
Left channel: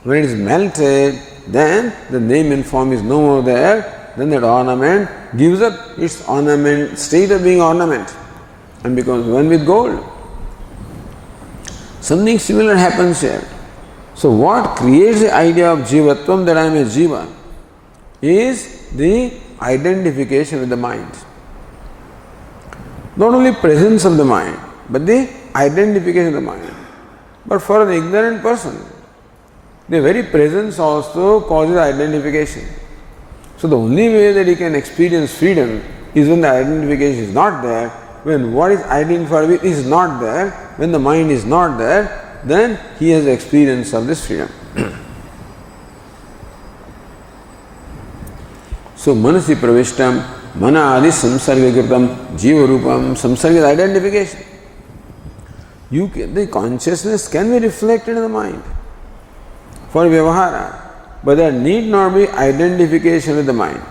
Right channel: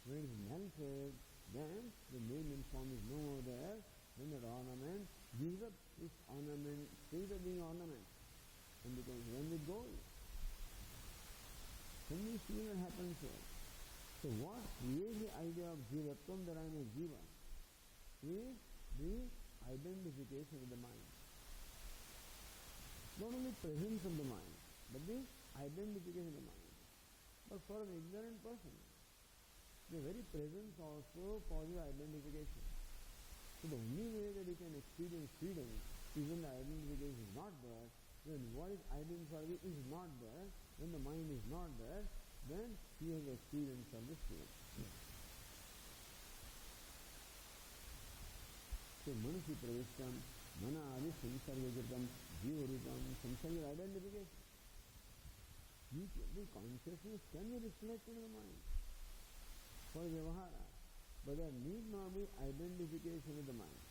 When it is melted, then the name and form is no more there, then that ornament gives up its ornament, state of being ornament and becomes one with gold. Something similar happens here. So what creates the idea of jivatvam, that I am a jiva, is the identification with the mind. Not only presence of the mind, but the identification of the mind. But for an ignorant person, the very presence also causes identification. So the only way that he can experience freedom is when the identification is not there. When what is identified with is not there, when the mind is not there, then he has experience of this freedom. So manasi pravishtam mana adi samsarga kritam jiva rupam. Samsarga is identification. The consciousness can be reflected in the mind for vyavahara, but there need not be identification with the mind.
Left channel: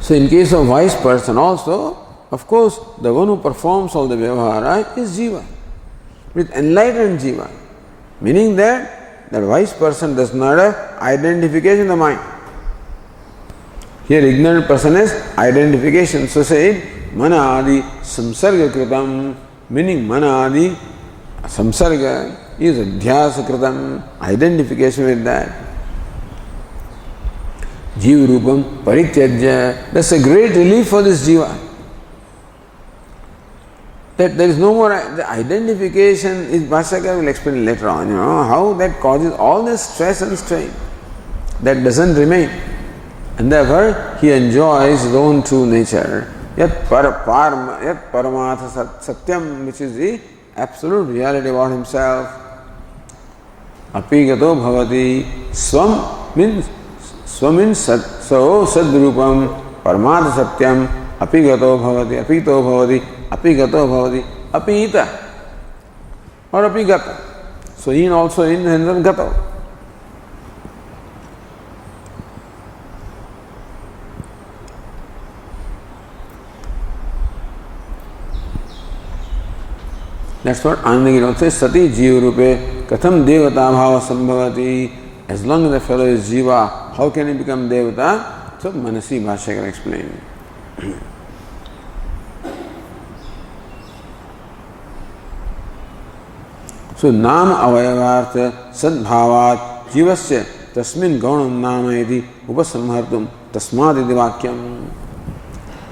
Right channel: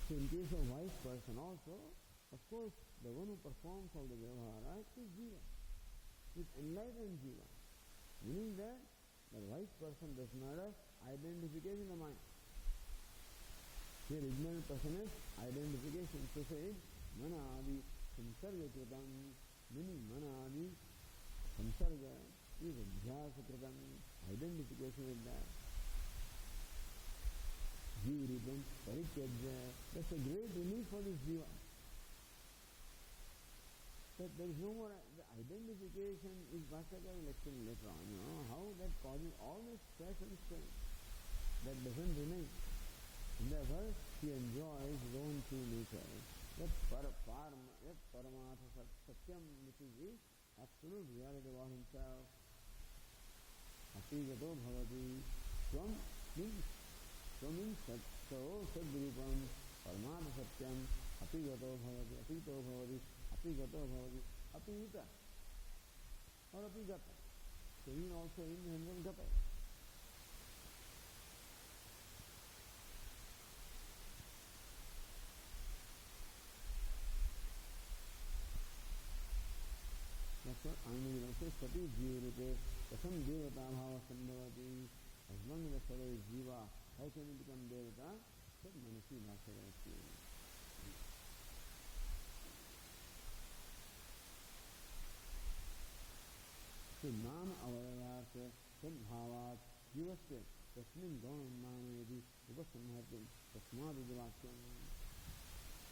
So in case of wise person also, of course, the one who performs all the vyavahara is jiva, with enlightened jiva, meaning that that wise person does not have identification in the mind. Here ignorant person has identification. So said, mana adi samsarga kritam, meaning mana adi samsarga is adhyasa kritam, identification with that. Jiva rupam parityajya, that's a great relief for this jiva. that there is no more, the identification is, Bhashyakara will explain later on, how that causes all this stress and strain. That doesn't remain. And therefore, he enjoys his own true nature. Yat paramatha satyam, which is the absolute reality about himself. Apigato bhavati. Swam means sadrupam, paramatha satyam, apigato bhavati, apito bhavati, apigato bhavati, apita or apigata. So in also in the sense of gato. That's what Anandagiri says, Sati Jiva Rupe Katham Devata Bhava Sambhavati. As long as the fellow is Jiva, how can he become Devata? So Manasi Bhashyakara explained. So Nama Avayavartha Sadbhavat Jivasya Tasmin Gaunam Nama Iti Upasamhartum Tasmaditi Vakyam.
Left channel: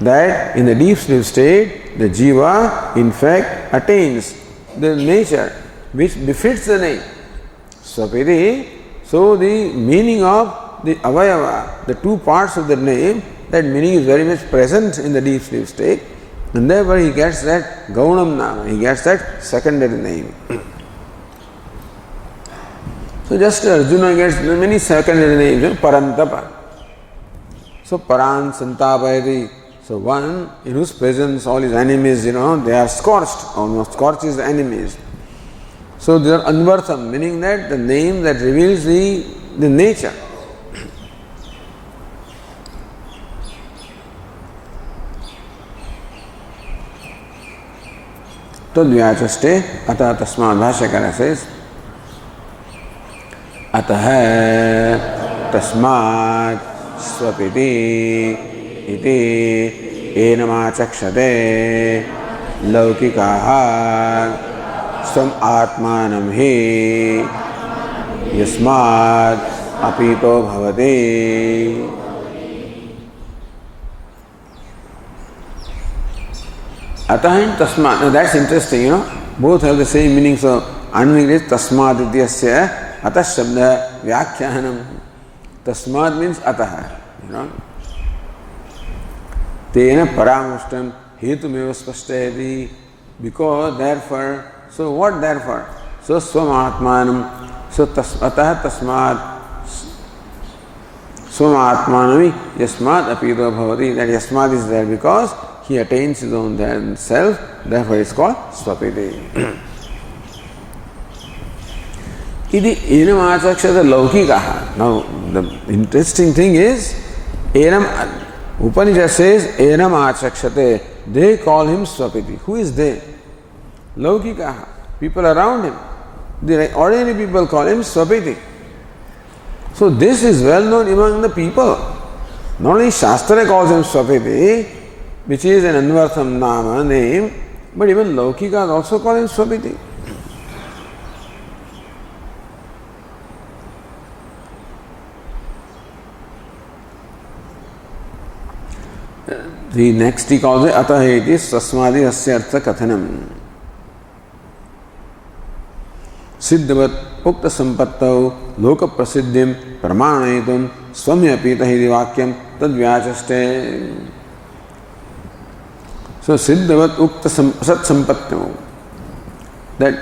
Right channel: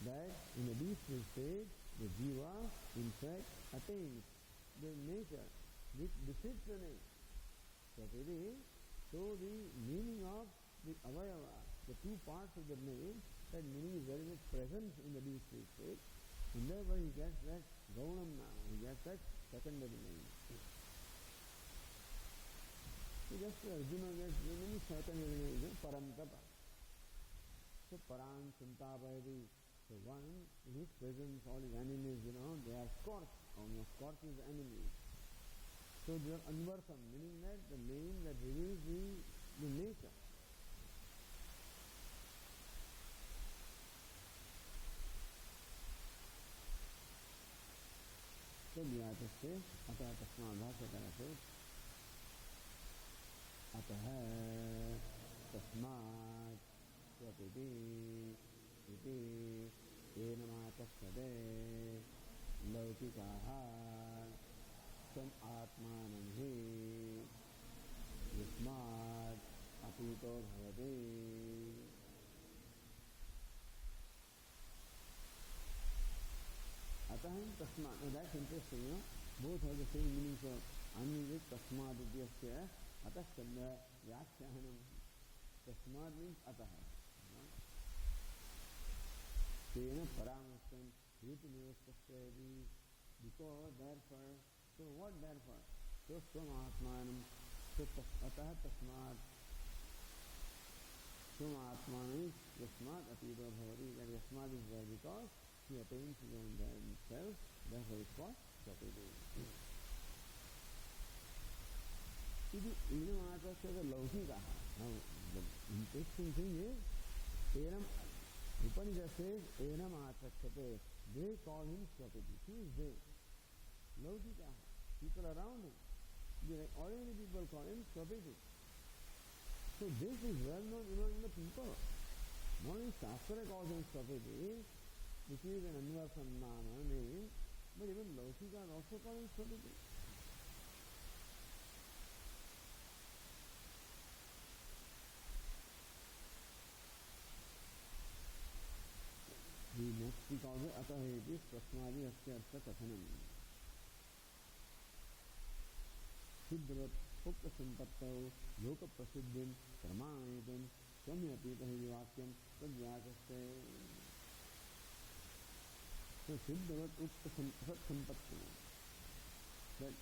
That in the deep sleep state, the Jiva in fact attains the nature which befits the name. Swapiti. So the meaning of the avayava, the two parts of the name, that meaning is very much present in the deep sleep state, and therefore he gets that gaunam nama, he gets that secondary name. So just Arjuna gets many secondary names, Parantapa. So Paran Santapayati. So one in whose presence all his enemies, they are scorched, almost scorched his enemies. So they are anvartham, meaning that the name that reveals the nature. Tadvyachaste ata tasmad Bhashyakara says ataha tasmad swapiti iti enamachakshate laukikaha svam atmanam hi yasmad apito bhavati. Atah and tasmad. Now that's interesting, Both have the same meaning. So Anandagiri is tasmad ityasya atah shabda vyakhyanam. Tasmad means atah, Tena paramushtam hetumeva spashtayati. Because therefore, so what therefore? So swam atmanam. So atah tasmad swam atmanami yasmad apito bhavati. That yasmad is there because he attains his own self. Therefore it's called swapiti. Iti enamachakshata laukikaha. Now the interesting thing is, Upanishad says, enam achakshate. They call him swapiti. Who is they? Laukikaha. People around him. The ordinary people call him swapiti. So this is well known among the people. Not only Shastra calls him swapiti, which is an anvartham nama name, but even Laukikas also call him swapiti. The next he calls it ataheti sasmadi asya artha kathanam. Siddhavat ukta sampattau loka prasiddhim pramanayitum swamyapita hidi vakyam tadvyachaste. So siddhavat ukta sat sampattau. That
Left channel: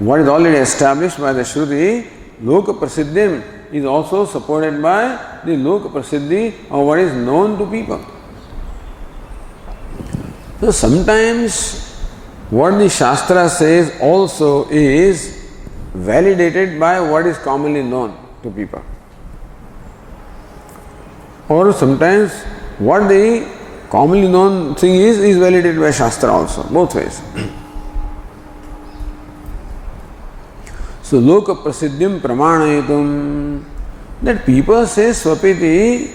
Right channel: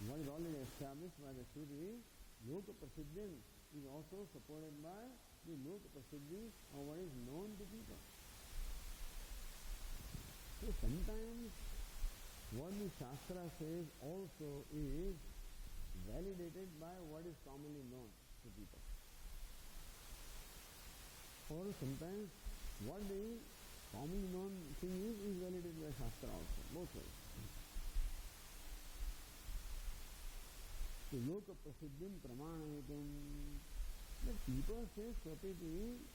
what is already established by the Shruti, loka prasiddhim, is also supported by the loka prasiddhi of what is known to people. So sometimes what the Shastra says also is validated by what is commonly known to people. Or sometimes what the commonly known thing is validated by Shastra also, both ways. So loka prasiddhim pramanayitum, that people say swapiti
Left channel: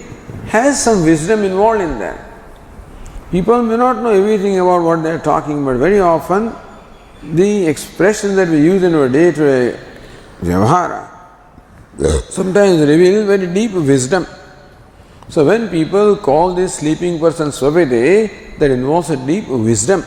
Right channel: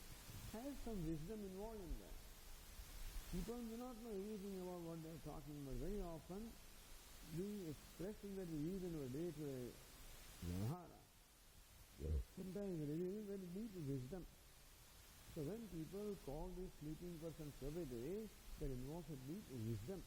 has some wisdom involved in that. People may not know everything about what they are talking, but very often the expressions that we use in our day-to-day vyavahara sometimes reveal very deep wisdom. So when people call this sleeping person swapiti, that involves a deep wisdom.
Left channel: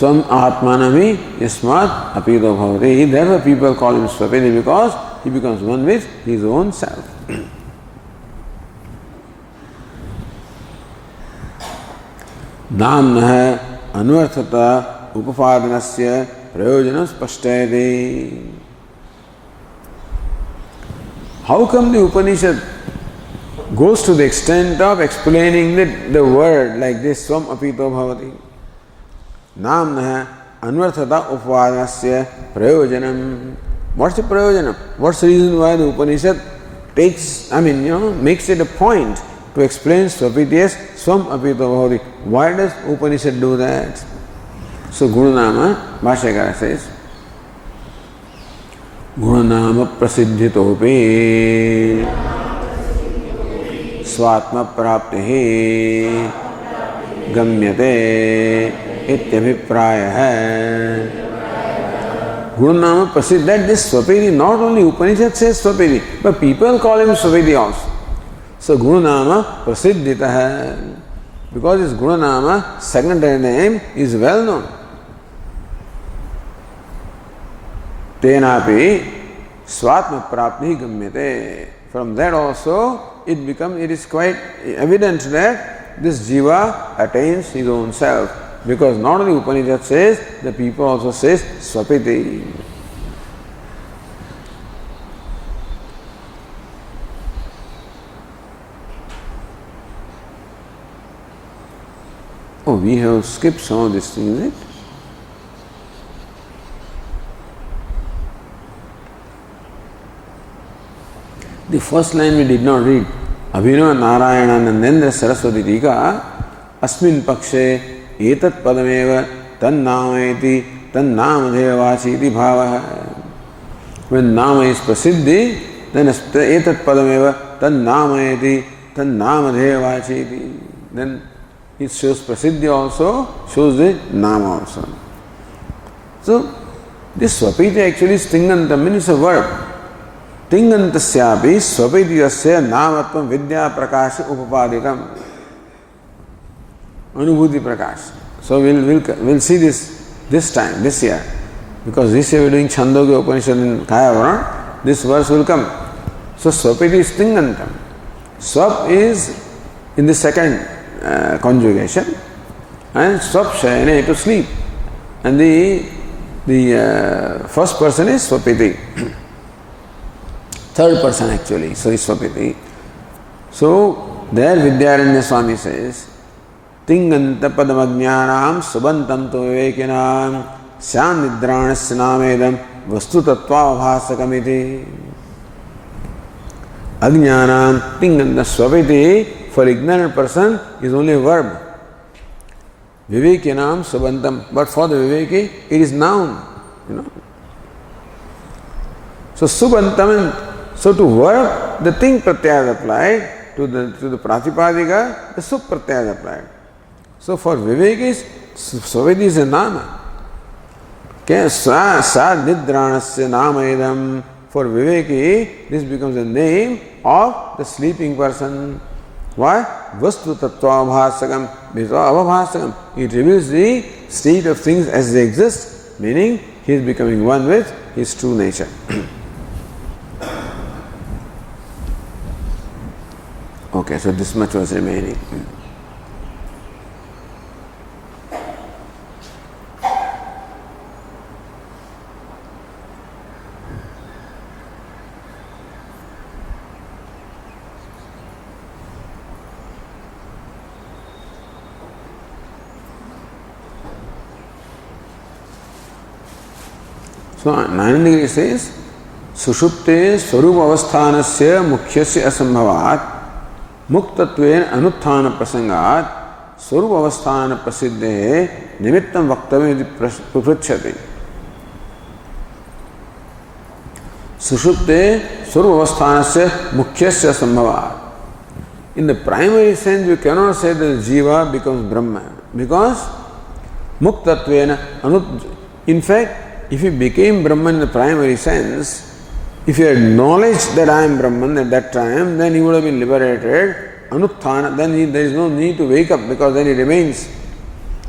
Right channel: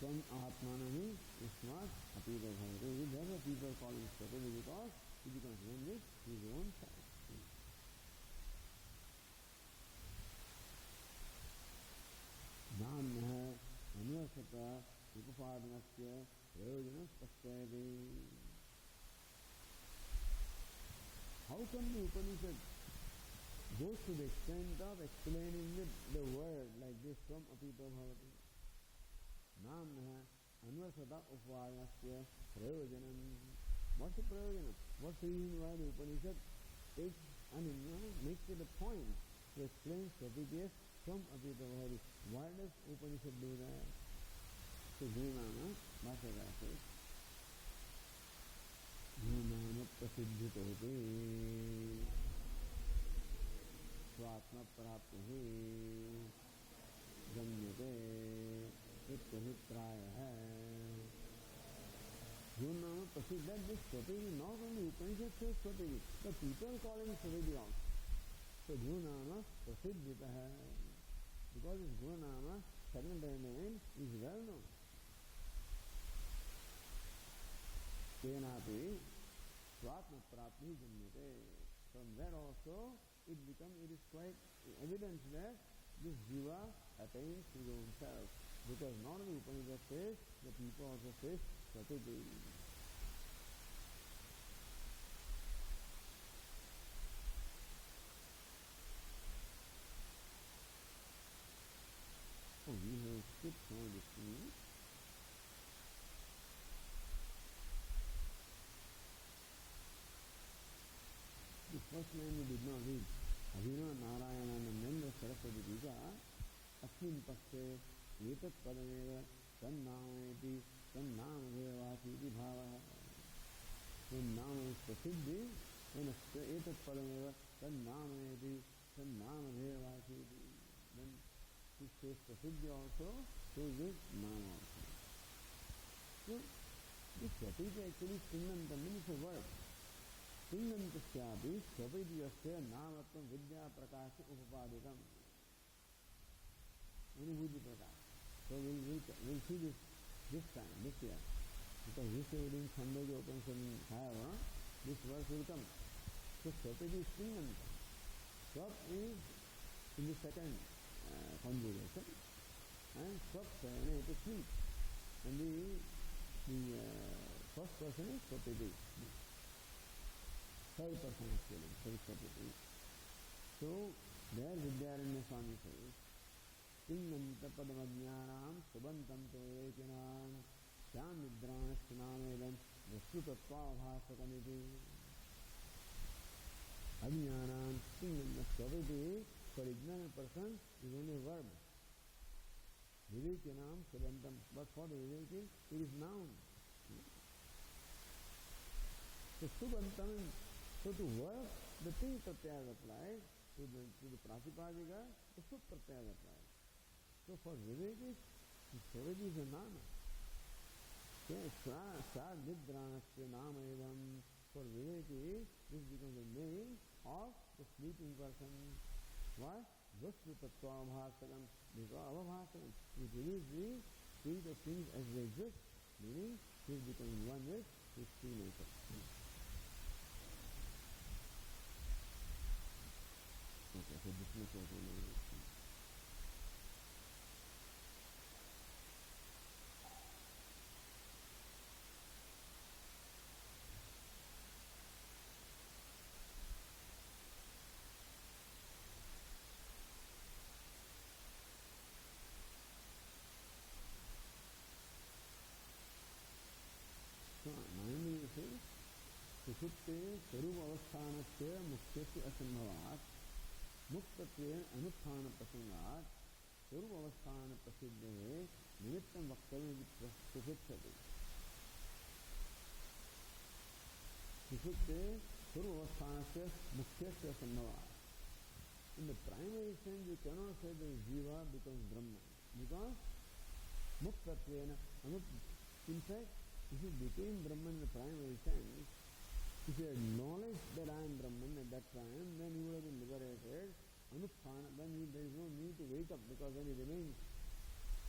Swam Atmanami Yasmat Apito Bhavati. Therefore people call him Swapiti because he becomes one with his own self. Namnah Anvarthata Upapadanasya Prayojanam Spashtayate. How come the Upanishad goes to the extent of explaining the word like this, Swam Apito Bhavati? Namnah Anvarthata Upapadanasya Prayojanam. What's the Prayojanam? What's the reason why the Upanishad makes it a point to explain Swapiti as Swam Apito Bhavati? Why does Upanishad do that? So Gunanama, Bhashyakara says, Gunanama prasiddhitopi swatma praptihi gamyate ityabhiprayah. Gunanama prasiddh, that this Swapiti, not only Upanishad says Swapiti, but people call him Swapiti also. So Gunanama prasiddhitah, because his Gunanama, secondary name, is well known. Tenapi swatma prapti gamyate. From that also it is quite evident that this jiva attains his own self. Because not only Upanishad says, the people also says Swapiti. Oh, we have skipped some of these things, is it? The first line we did not read. Abhinava Narayana Nandendra Saraswati Tika Asmin Pakshe Etat Padameva Tannamayati Tannamadhevachi iti bhava. When Nama is Prasiddhi, then Etat Padameva Tannamayati Tannamadhevachi iti. Then it shows Prasiddhi also, shows the Nama also. So, this Swapiti actually is Tingantam, means a verb. Tingantasyapi Swapitiyasya Namatvam Vidya Prakash Upapadikam. Anubhuti Prakash. So we'll see this time, this year. Because this year we're doing Chhandogya Upanishad in Kayavaran, this verse will come. So Swapiti is Tingantam. Swap is in the second conjugation, and Swap Shayane, to sleep. And the first person is Swapiti. Third person actually, so is Swapiti. So there Vidyaranya Swami says, Tinganta padamajnanam subantam to vivekinam syam nidranasya namedam vastu tattva bhasakamiti. Ajnanam Tinganta Swapiti, for ignorant person, is only a verb. Vivekinam subantam, but for the Viveki, it is noun. So subantam, so to verb, the thing pratyaya is applied, to the pratipadika, the sup pratyaya is applied. So for Vivekis, Swapiti is a nama. Okay, sa nidranasya namayadam. For Viveki, this becomes a name of the sleeping person. Why? Vastu tattva bhasakam. Because avabhasakam, it reveals the state of things as they exist, meaning he is becoming one with his true nature. Okay, so this much was remaining. So Nayana says, Sushupte Swarup Avasthanasya Mukhyasya Asambhavat Muktatven Anuthana Prasangat Swarup Avasthana Prasiddhe Nimittam Vaktavya Prapritchati. Sushupte Swarup Avasthanasya Mukhyasya Asambhavat. In the primary sense, we cannot say that Jiva becomes Brahma, because Muktatvena in fact, if he became Brahman in the primary sense, if he had knowledge that I am Brahman at that time, then he would have been liberated. Anuthana, then there is no need to wake up, because then he remains.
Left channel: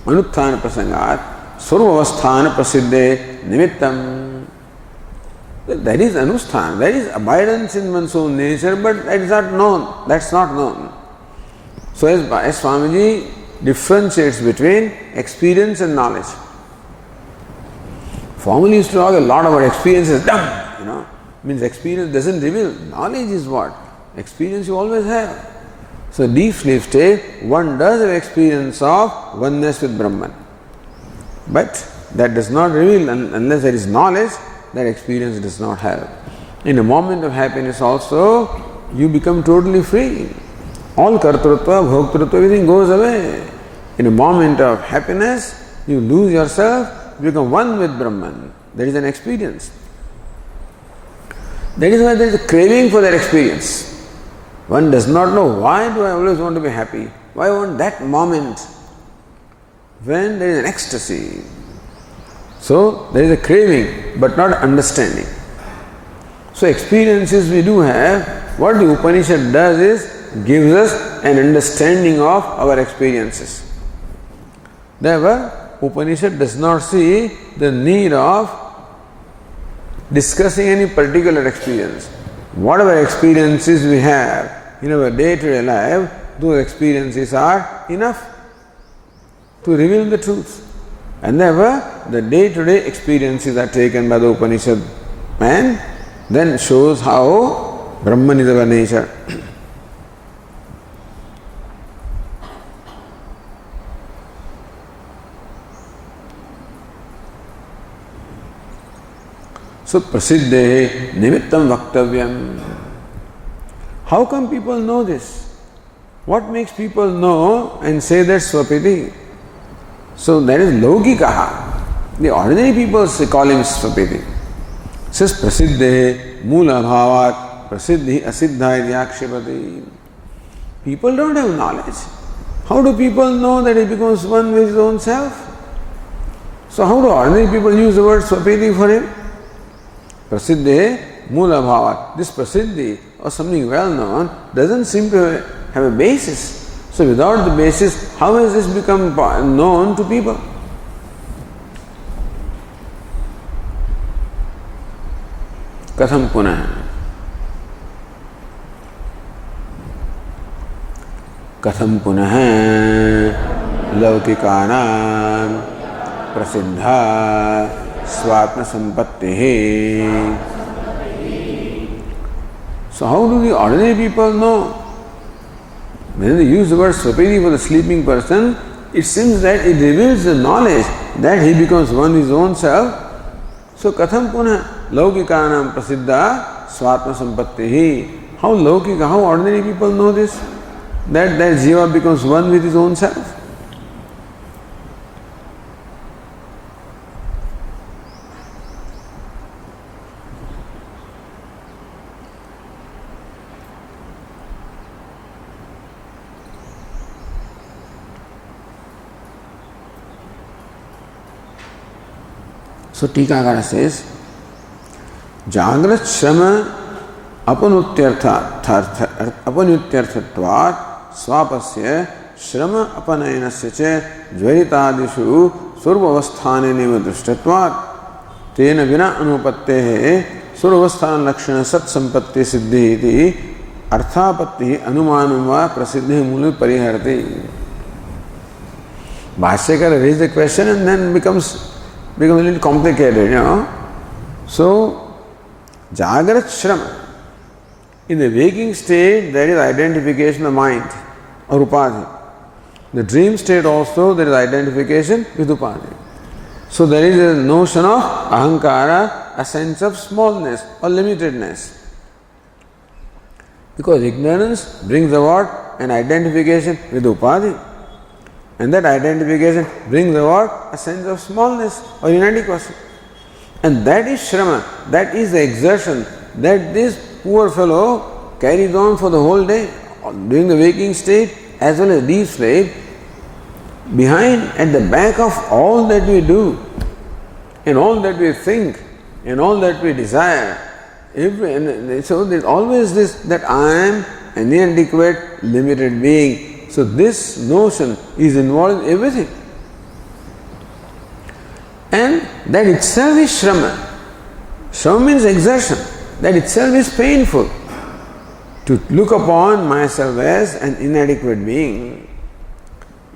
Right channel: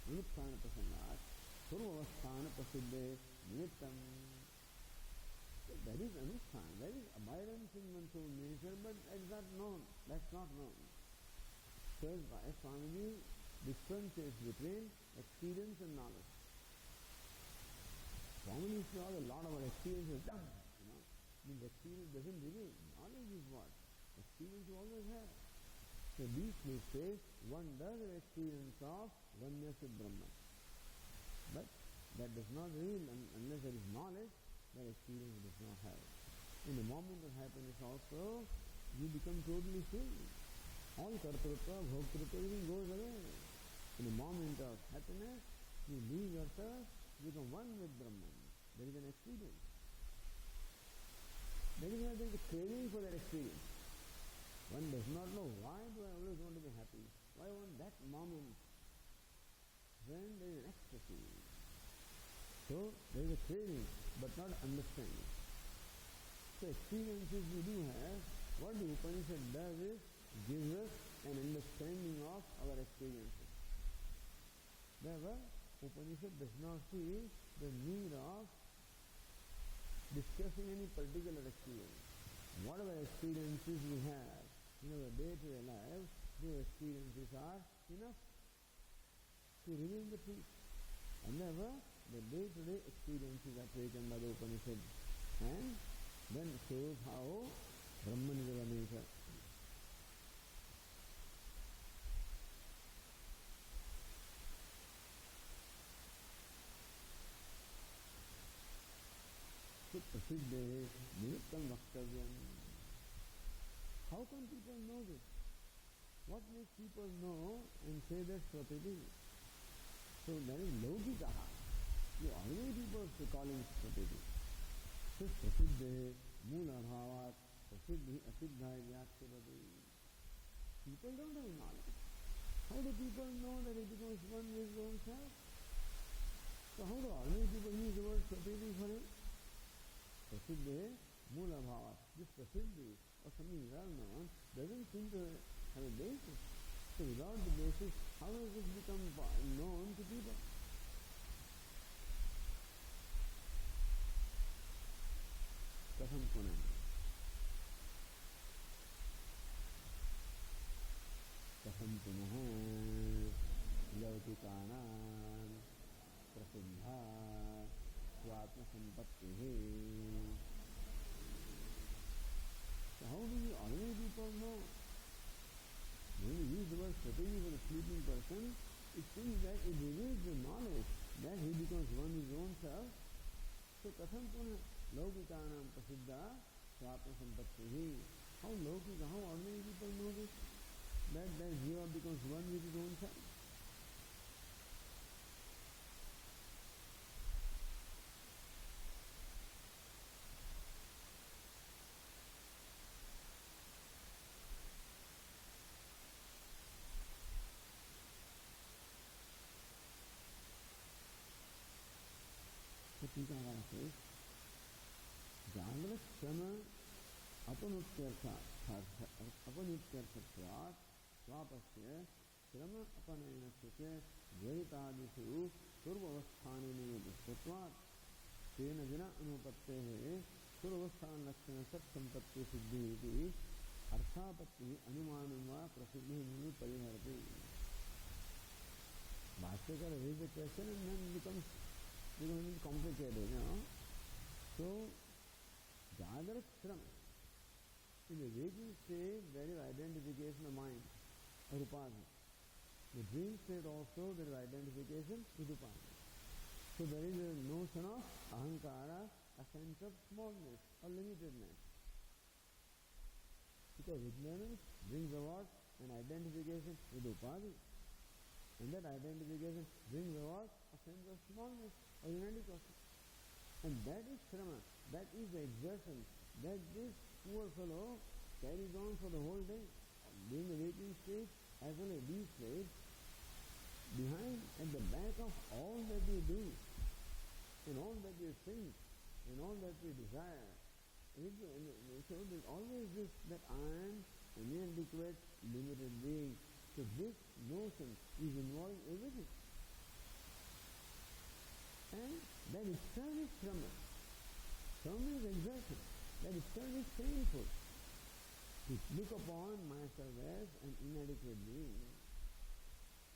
Anuthana prasangat. Survavasthana prasiddhe nimittam. That is anusthan, that is abidance in one's own nature, but that is not known. That's not known. So as Swamiji differentiates between experience and knowledge. Formerly used to talk a lot about experience is dumb, means experience doesn't reveal. Knowledge is what? Experience you always have. So deep sleep state, one does have experience of oneness with Brahman. But that does not reveal, unless there is knowledge, that experience does not have. In a moment of happiness also, you become totally free. All kartrutva, bhoktrutva, everything goes away. In a moment of happiness, you lose yourself, you become one with Brahman. That is an experience. That is why there is a craving for that experience. One does not know, why do I always want to be happy? Why I want that moment when there is an ecstasy? So there is a craving, but not understanding. So experiences we do have, what the Upanishad does is gives us an understanding of our experiences. Therefore, Upanishad does not see the need of discussing any particular experience. Whatever experiences we have in our day-to-day life, those experiences are enough to reveal the truth. And therefore, the day-to-day experiences are taken by the Upanishad and then shows how Brahman is our nature. So, prasiddhe nimittam vaktavyam. How come people know this? What makes people know and say that swapiti? So that is laukikaha. The ordinary people call him swapiti. Says prasiddhe mula bhavat prasiddhi asiddha idyakshipati. People don't have knowledge. How do people know that he becomes one with his own self? So how do ordinary people use the word swapiti for him? Prasiddhe mula bhavat. This prasiddhi or something well known doesn't seem to have a basis. So without the basis, how has this become known to people? Katham punah. Katham punah laukikanam prasiddha swatma sampattihi. So how do the ordinary people know? When they use the word swapiti for the sleeping person, it seems that it reveals the knowledge that he becomes one with his own self. So katham punah laukikanam prasiddha swatma sampattihi. How laukika, how ordinary people know this? That jiva becomes one with his own self. So Tikakara says, Jagrat Shrama apanutyarthatvat swapasya Shrama apanayanasya che jvaritadishu survavasthane nivadrishtatvat tena vina anupattehe survavasthana lakshana sat sampatti siddhi iti arthapatti anumanam va prasiddhi muli pariharati. Bhashyakara raises the question and then becomes a little complicated, So, Jagrat Shrama. In the waking state, there is identification of mind or upadhi. The dream state also, there is identification with upadhi. So, there is a notion of ahankara, a sense of smallness or limitedness. Because ignorance brings about an identification with upadhi. And that identification brings about a sense of smallness or inadequacy. And that is shrama, that is the exertion that this poor fellow carries on for the whole day, during the waking state as well as deep sleep. Behind, at the back of all that we do, and all that we think, and all that we desire, so there's always this, that I am an inadequate, limited being. So this notion is involved in everything. And that itself is Shrama. Shrama means exertion. That itself is painful. To look upon myself as an inadequate being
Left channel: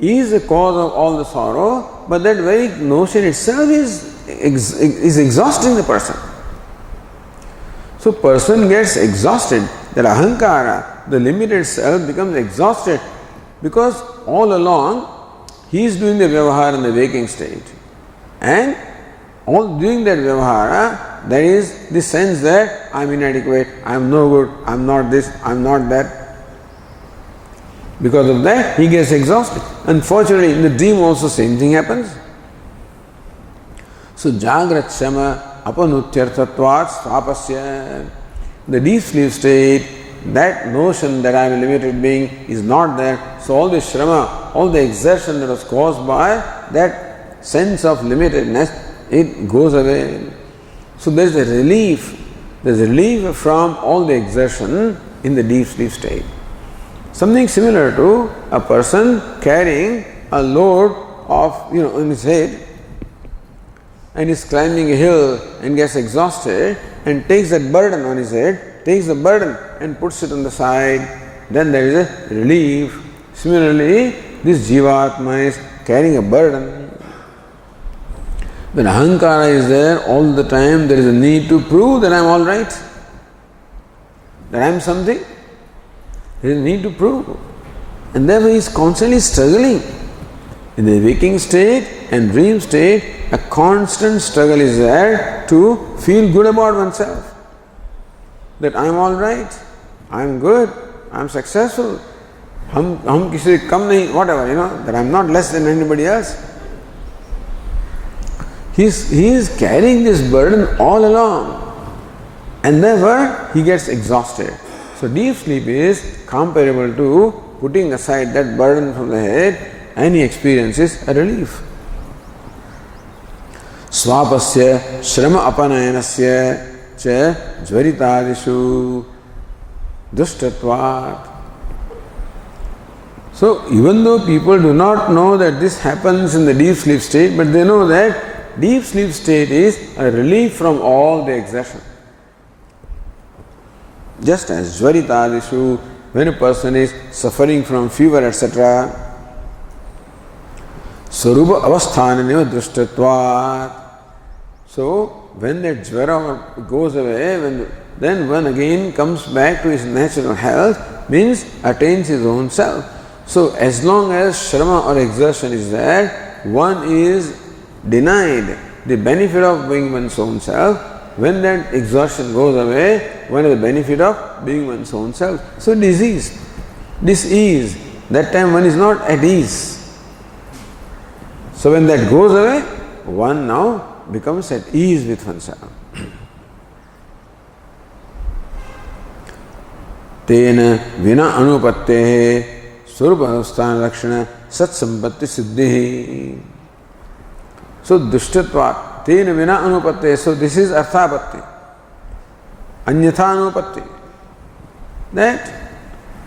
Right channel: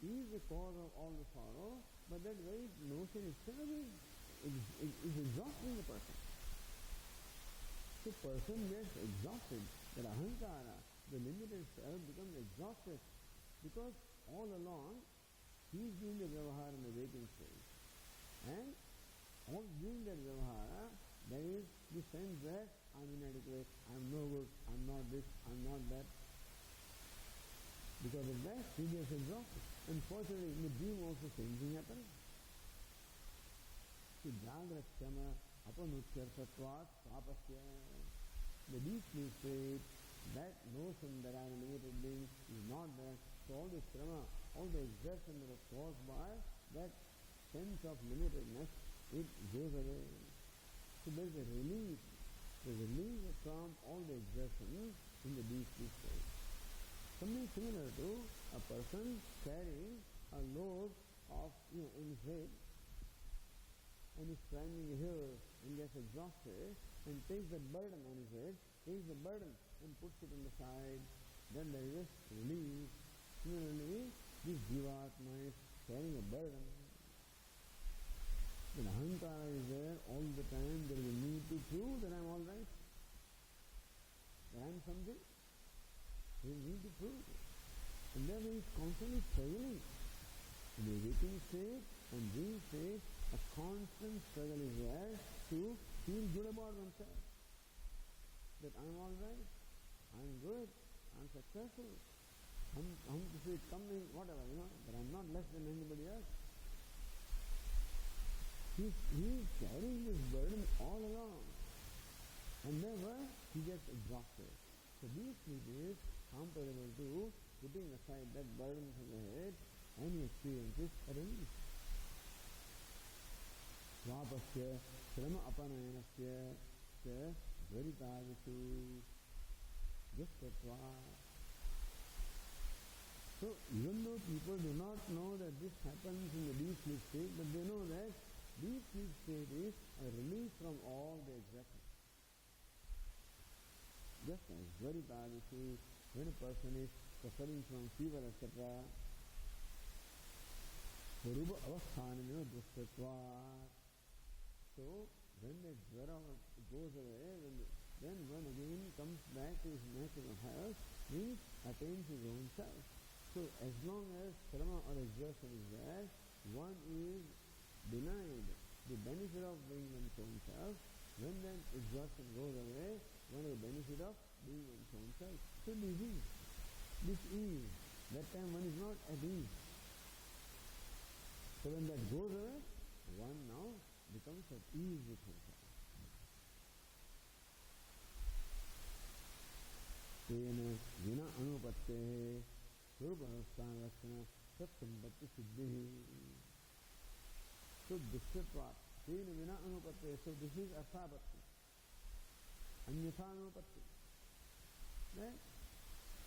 is the cause of all the sorrow, but that very notion itself is exhausting the person. So person gets exhausted, that ahankara, the limited self, becomes exhausted because all along he is doing the vyavahara in the waking state. And all doing that vyavahara, there is the sense that I am inadequate, I am no good, I am not this, I am not that. Because of that, he gets exhausted. Unfortunately, in the dream also same thing happens. So, Jagrat Shama Apanutyarthatvat Svapasya. The deep sleep state, that notion that I am a limited being is not there. So, all the Shrama, all the exertion that was caused by that sense of limitedness, it goes away. So, there is a relief. There is a relief from all the exertion in the deep sleep state. Something similar to a person carrying a load of, on his head and is climbing a hill and gets exhausted and takes that burden on his head, takes the burden and puts it on the side, then there is a relief. Similarly, this Jivatma is carrying a burden. When ahankara is there all the time, there is a need to prove that I am all right, that I am something. There is a need to prove. And therefore he is constantly struggling. In the waking state and dream state, a constant struggle is there to feel good about oneself. That I am all right, I am good, I am successful, hum kisi se kam nahi, whatever, that I am not less than anybody else. He is carrying this burden all along, and therefore he gets exhausted. So deep sleep is comparable to putting aside that burden from the head, and he experiences a relief. Swapasya shrama apanayanasya cha jvaritadishu dushtatvat. So even though people do not know that this happens in the deep sleep state, but they know that deep sleep state is a relief from all the exertion. Just as jvaritadishu, when a person is suffering from fever, etc., sarupa avasthananeva drushtatvat. So when that jvara goes away, then one again comes back to his natural health, means attains his own self. So as long as shrama or exertion is there, one is denied the benefit of being one's own self. When that exhaustion goes away, one has the benefit of being one's own self. So disease, dis-ease, that time one is not at ease. So when that goes away, one now becomes at ease with oneself. Tena vina anupattehe surupavasthan lakshana sat sampatti siddhi. So dushtatvat. Tena vina anupatte. So this is arthapatti. Anyatha anupatti. That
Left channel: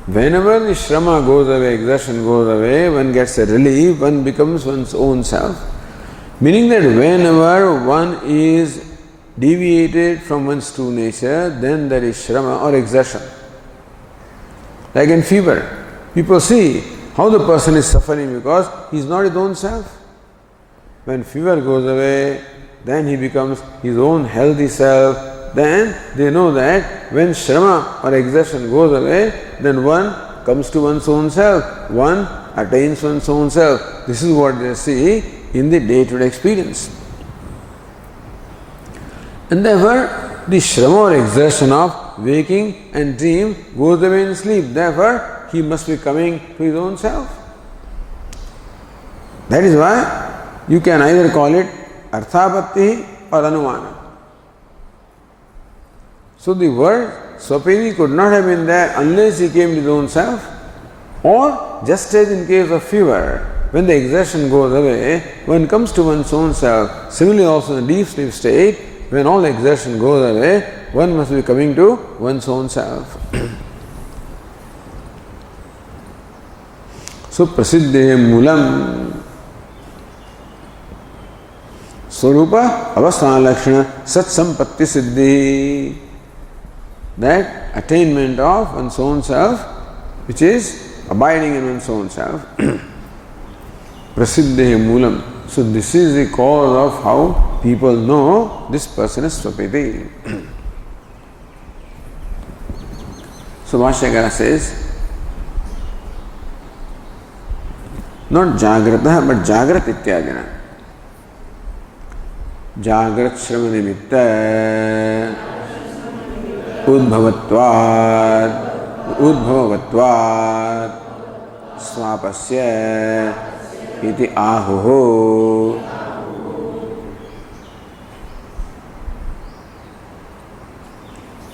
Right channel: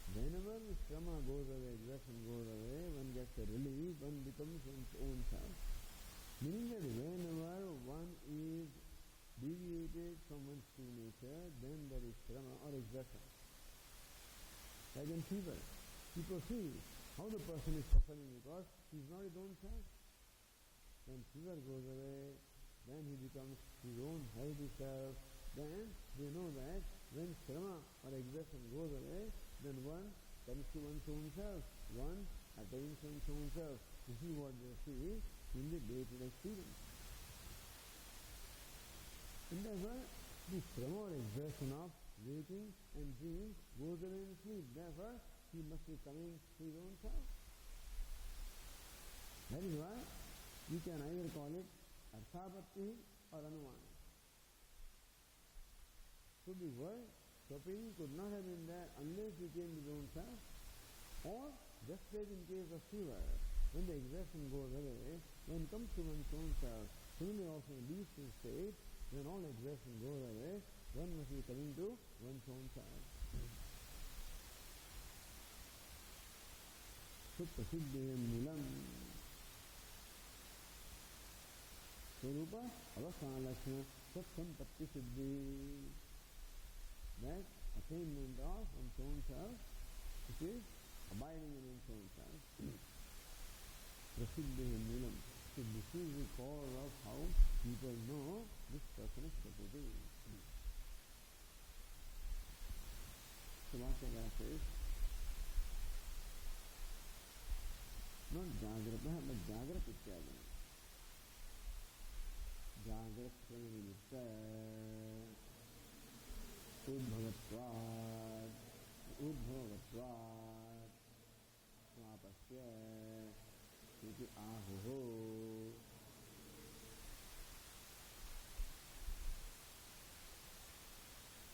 whenever the shrama goes away, exertion goes away, one gets a relief, one becomes one's own self. Meaning that whenever one is deviated from one's true nature, then there is shrama or exertion. Like in fever, people see how the person is suffering because he is not his own self. When fever goes away, then he becomes his own healthy self. Then they know that when shrama or exertion goes away, then one comes to one's own self. One attains one's own self. This is what they see in the day-to-day experience. And therefore, the shrama or exertion of waking and dream goes away in sleep. Therefore, he must be coming to his own self. That is why you can either call it arthapatti or anumana. So the word swapini could not have been there unless he came to his own self, or just as in case of fever, when the exertion goes away, one comes to one's own self. Similarly also in the deep sleep state, when all exertion goes away, one must be coming to one's own self. So prasiddhe mulam. Swarupa avasthana lakshana sat sampatti siddhi. That attainment of one's own self, which is abiding in one's own self. Prasiddhe moolam. So this is the cause of how people know this person is Swapiti. So Bhashyakara says, not Jagrata but Jagrat ityadina. Jagrat Shrama nimitta udbhavavatvad swapasya iti ahuho.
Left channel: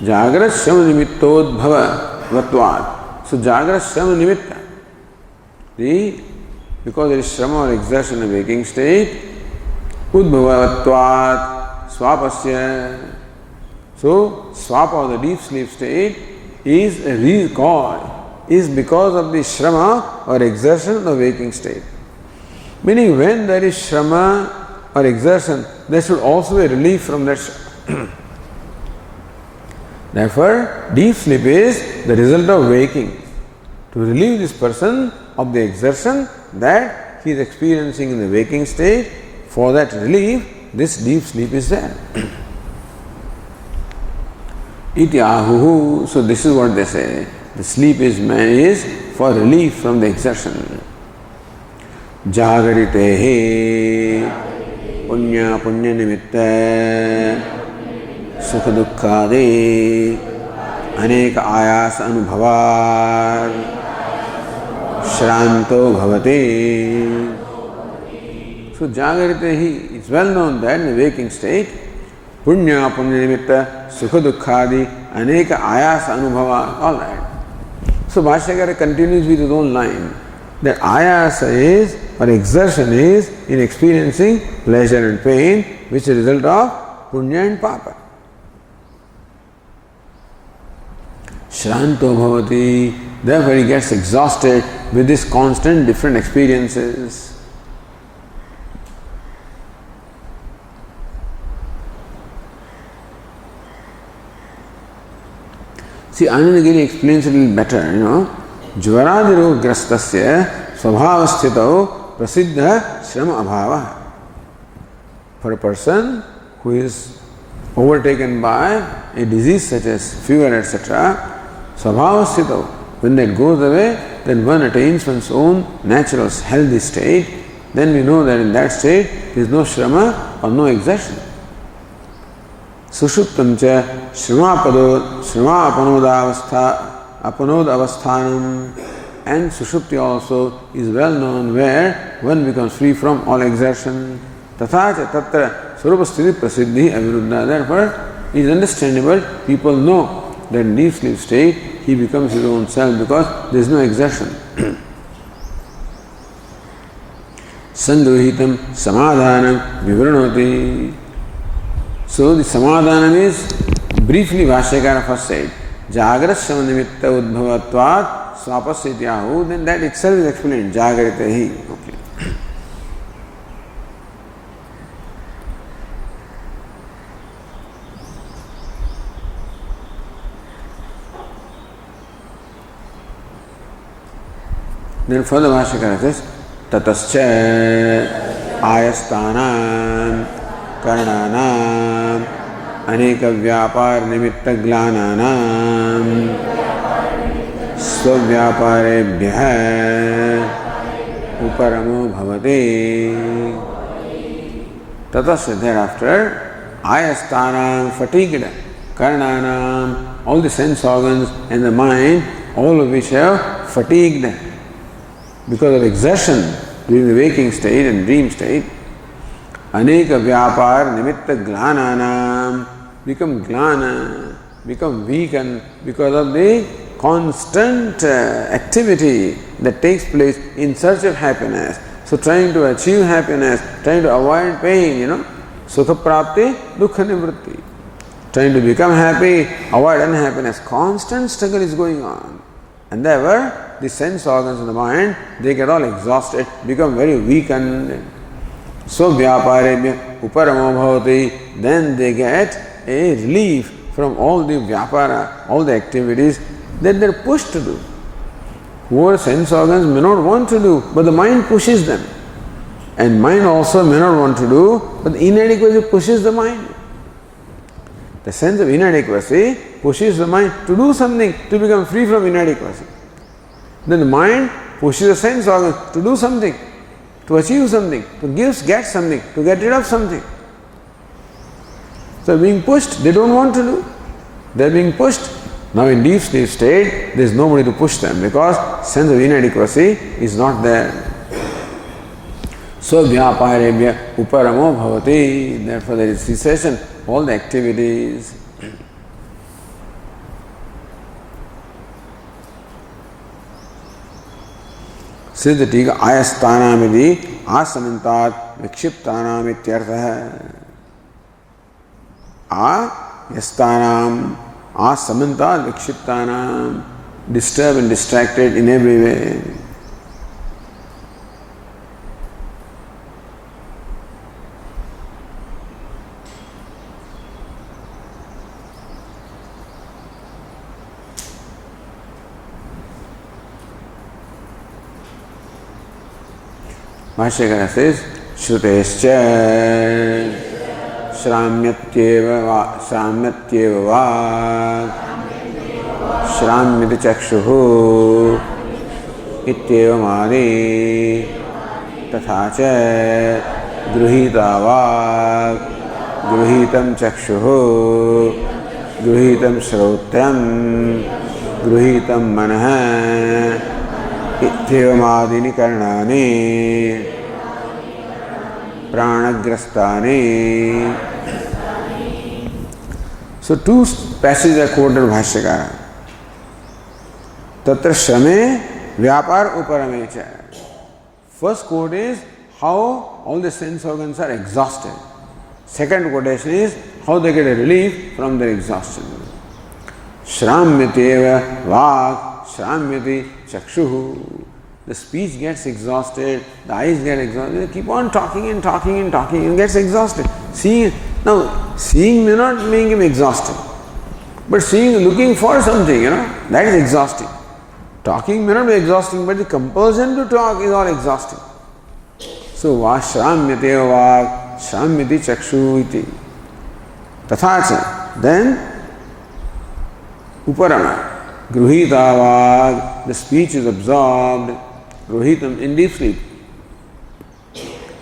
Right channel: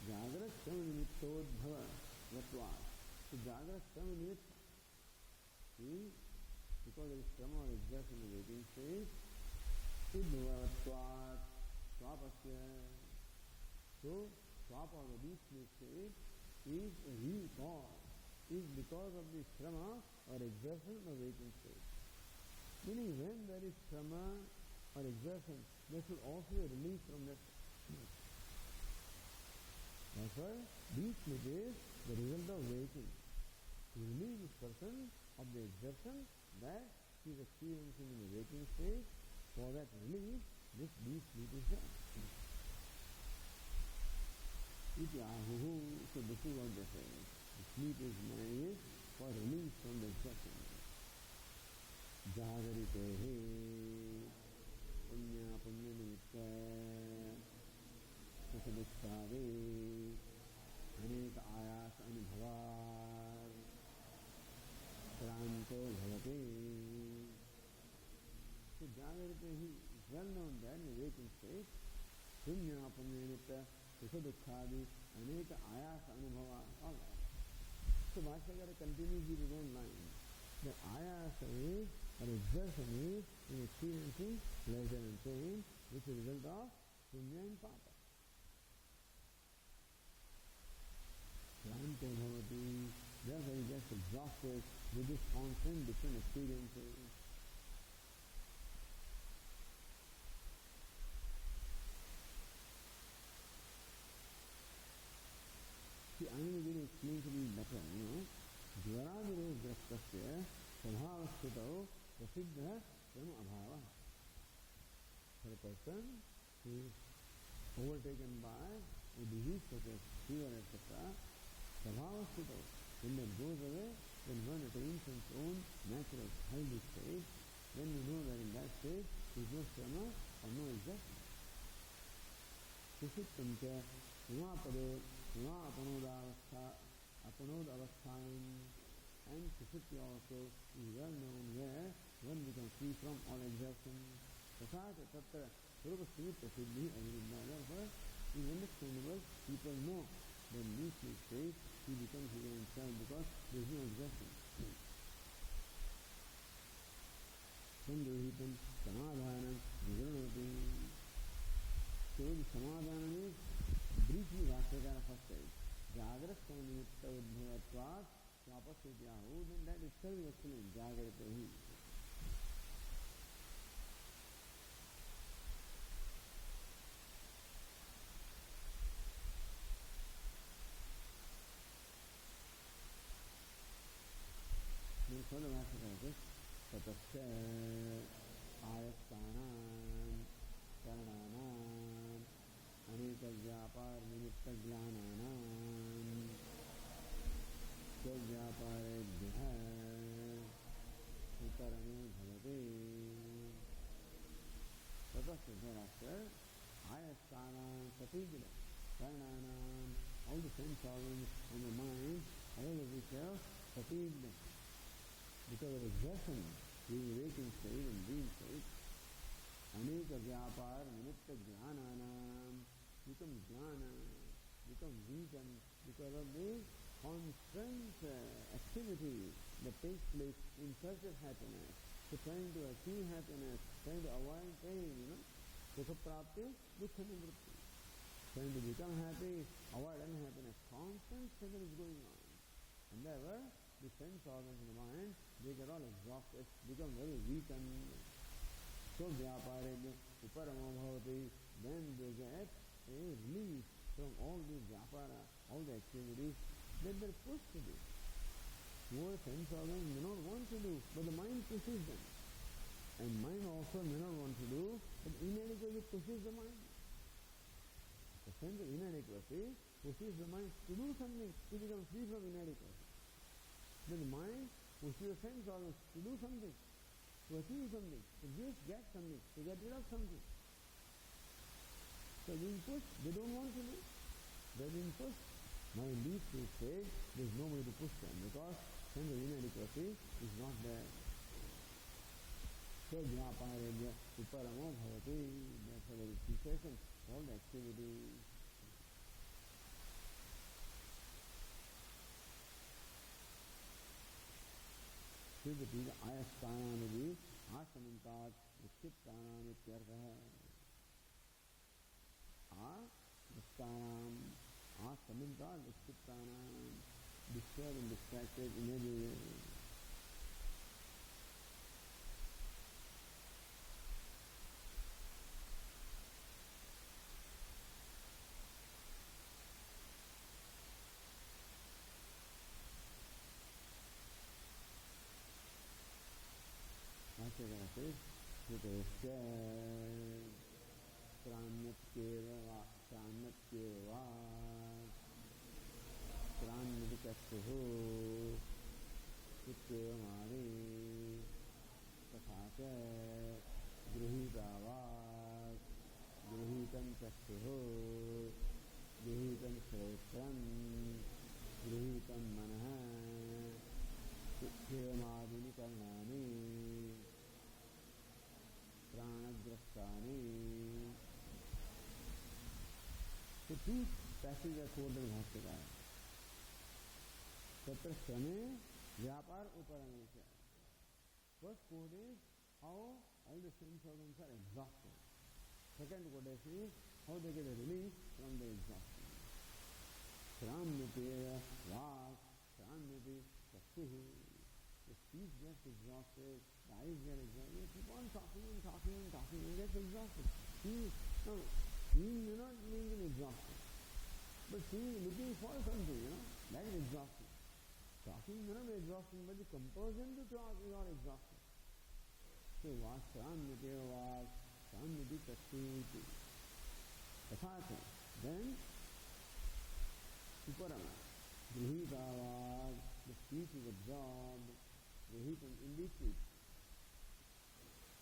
Jagrat Shrama nimittodbhavavatvad. So Jagrat Shrama nimitta. Because there is Shrama or exertion in waking state, udbhavavatvad swapasya. So, swapa or the deep sleep state is because of the shrama or exertion of the waking state. Meaning, when there is shrama or exertion, there should also be relief from that shrama. Therefore, deep sleep is the result of waking. To relieve this person of the exertion that he is experiencing in the waking state, for that relief, this deep sleep is there. Iti ahuhu. So this is what they say. The sleep is for relief from the exertion. Jagaritehe punya nimitta sukha dukkhade aneka ayas anubhavar shranto bhavate. So Jagaritehi, it's well known that in the waking state, punya nimitta sukha dukkhadi aneka ayas anubhava. All right. So Bhashyakara continues with his own line that ayasa is or exertion is in experiencing pleasure and pain, which is a result of punya and papa. Shranto bhavati. Therefore he gets exhausted with these constant different experiences. See, Anandagiri explains it a little better, Jvaradiru grastasya svabhavasthitau prasiddha shrama abhava. For a person who is overtaken by a disease such as fever, etc., svabhavasthitau, when that goes away, then one attains one's own natural healthy state. Then we know that in that state there is no shrama or no exertion. Sushuptam cha shrama apanod avasthanam, and sushupti also is well known where one becomes free from all exertion. Tatha cha tatra swarupa sthiti prasiddhi aviruddha. Therefore, it is understandable, people know that in deep sleep state he becomes his own self because there is no exertion. Sangruhitam samadhanam vivranoti. So the samadhanam is briefly Bhashyakara first said, Jagrat Shrama nimitta udbhavatvad swapasya. Then that itself is explained, Jagaritehi. Okay. Then further Bhashyakara says, Tatascha ayastanam karnanam aneka vyapar nimitta glananam svavyaparebhyah uparamo bhavate. Tatasya, thereafter, ayastanam, fatigued, karnanam, all the sense organs and the mind, all of which have fatigued because of exertion during the waking state and dream state. Aneka vyapar nimitta glananam, become glana, become weakened because of the constant activity that takes place in search of happiness. So trying to achieve happiness, trying to avoid pain, sukha prapti, dukkha nivritti. Trying to become happy, avoid unhappiness. Constant struggle is going on. And therefore, the sense organs of the mind, they get all exhausted, become very weakened. So vyaparebhya uparamo bhavati, then they get a relief from all the vyapara, all the activities that they're pushed to do. Whoever sense organs may not want to do, but the mind pushes them. And mind also may not want to do, but the inadequacy pushes the mind. The sense of inadequacy pushes the mind to do something, to become free from inadequacy. Then the mind pushes the sense organ to do something, to achieve something, to get something, to get rid of something. So being pushed, they don't want to do. They are being pushed. Now in deep sleep state, there is nobody to push them because sense of inadequacy is not there. So vyaparebhya uparamo bhavati, therefore there is cessation, all the activities. Siddhatika ayastanamidi asamantat vikshiptanam ityartha. Yastanam asamantat vikshiptanam, disturbed and distracted in every way. Bhashyakara says, Shrutescha Shramyatyeva va Shramyati chakshuhu Ityeva madi Tatha cha Gruhita va Gruhitam chakshuhu Gruhitam shrotram Gruhitam manah Ityevamādini karnāni prānagrastāni. So two passages are quoted in Bhashyakara. Tatra shrame vyapar uparame cha. First quote is how all the sense organs are exhausted. Second quotation is how they get a relief from their exhaustion. Shramyatyeva vāk shramyati chakshuhu. The speech gets exhausted, the eyes get exhausted, they keep on talking and talking and talking and gets exhausted. Seeing may not make him exhausted, but looking for something, that is exhausting. Talking may not be exhausting, but the compulsion to talk is all exhausting. So, shramyate vāk shramyati chakshu iti. Tathacha, then uparama. Gruhita vāk, the speech is absorbed. Gruhitam, in deep sleep.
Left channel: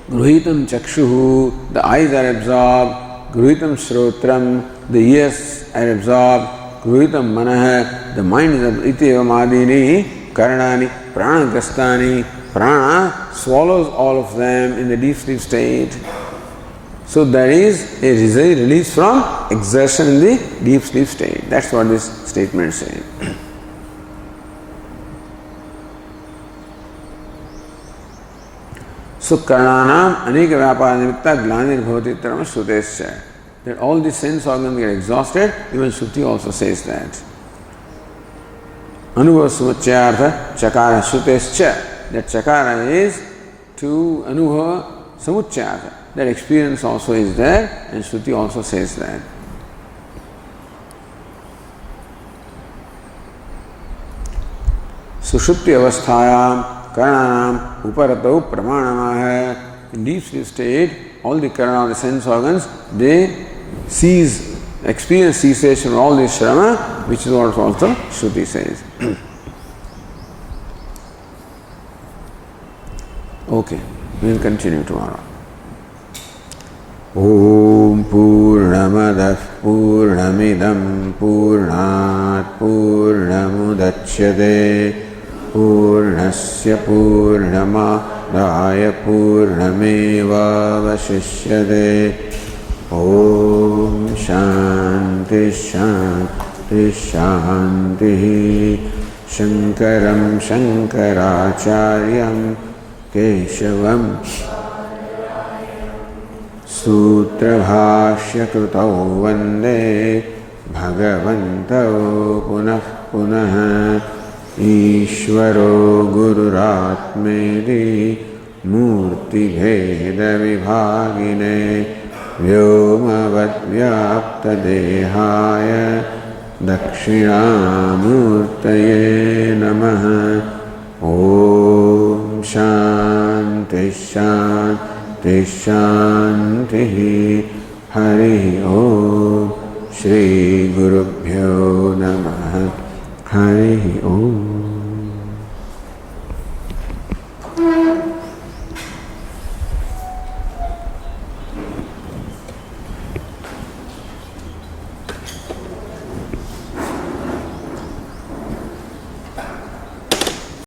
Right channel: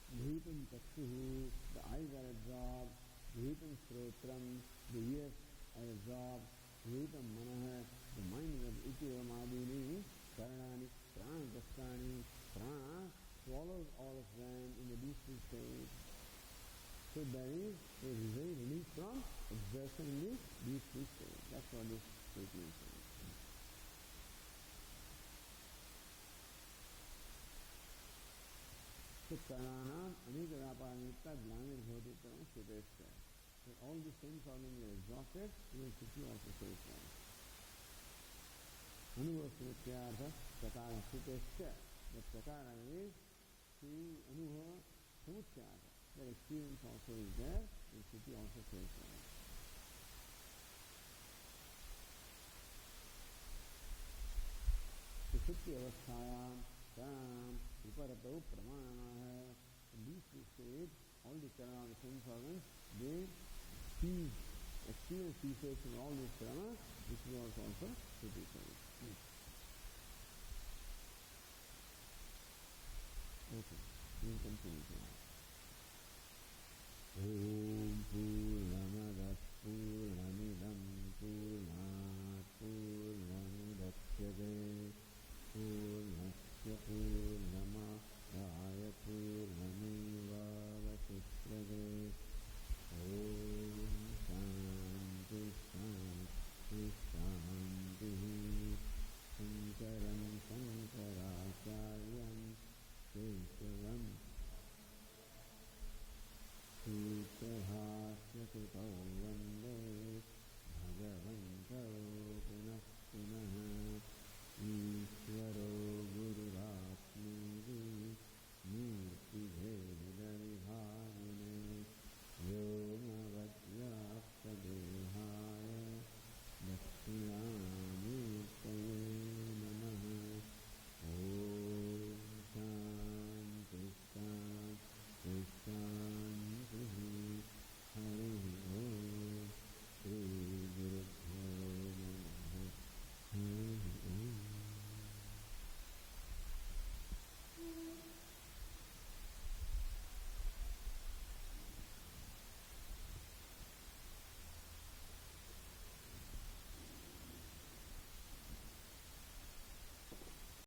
Gruhitam chakshuhu, the eyes are absorbed. Gruhitam shrotram, the ears are absorbed. Gruhitam manah, the mind is absorbed. Ityevamādini karnāni prānagrastani. Prana swallows all of them in the deep sleep state. So there is a release from exertion in the deep sleep state. That's what this statement says. So karnānam aneka vyapāra nimitta glanir bhavati tarama shrutescha. That all the sense organs get exhausted, even Shruti also says that. Anubhava samuccayartha chakara shrutescha. That chakara is to anubhava samuccayartha. That experience also is there, and Shruti also says that. Sushupti avasthayam karanam uparatau pramanamah. In deep sleep state, all the karana, the sense organs, they experience cessation of all this shrama, which is what also Shruti says. Okay, we will continue tomorrow. Om Purnamadah Purnamidam Purnat Purnamudachyate Purnasya Purnamadaya Purnameva Vashishyate. Om Shanti Shanti Shanti. Shankaram Shankaracharyam Keshavam Sutrabhashyakrutau Vande Bhagavantau Punah Punah Ishvaro Gururatmedi मूर्तिभेदविभागिने व्योमवद्व्याप्तदेहाय दक्षिणामूर्तये नमः। ॐ शान्ति शान्ति शान्तिः। हरिः ॐ। श्री गुरुभ्यो नमः। हरिः ॐ।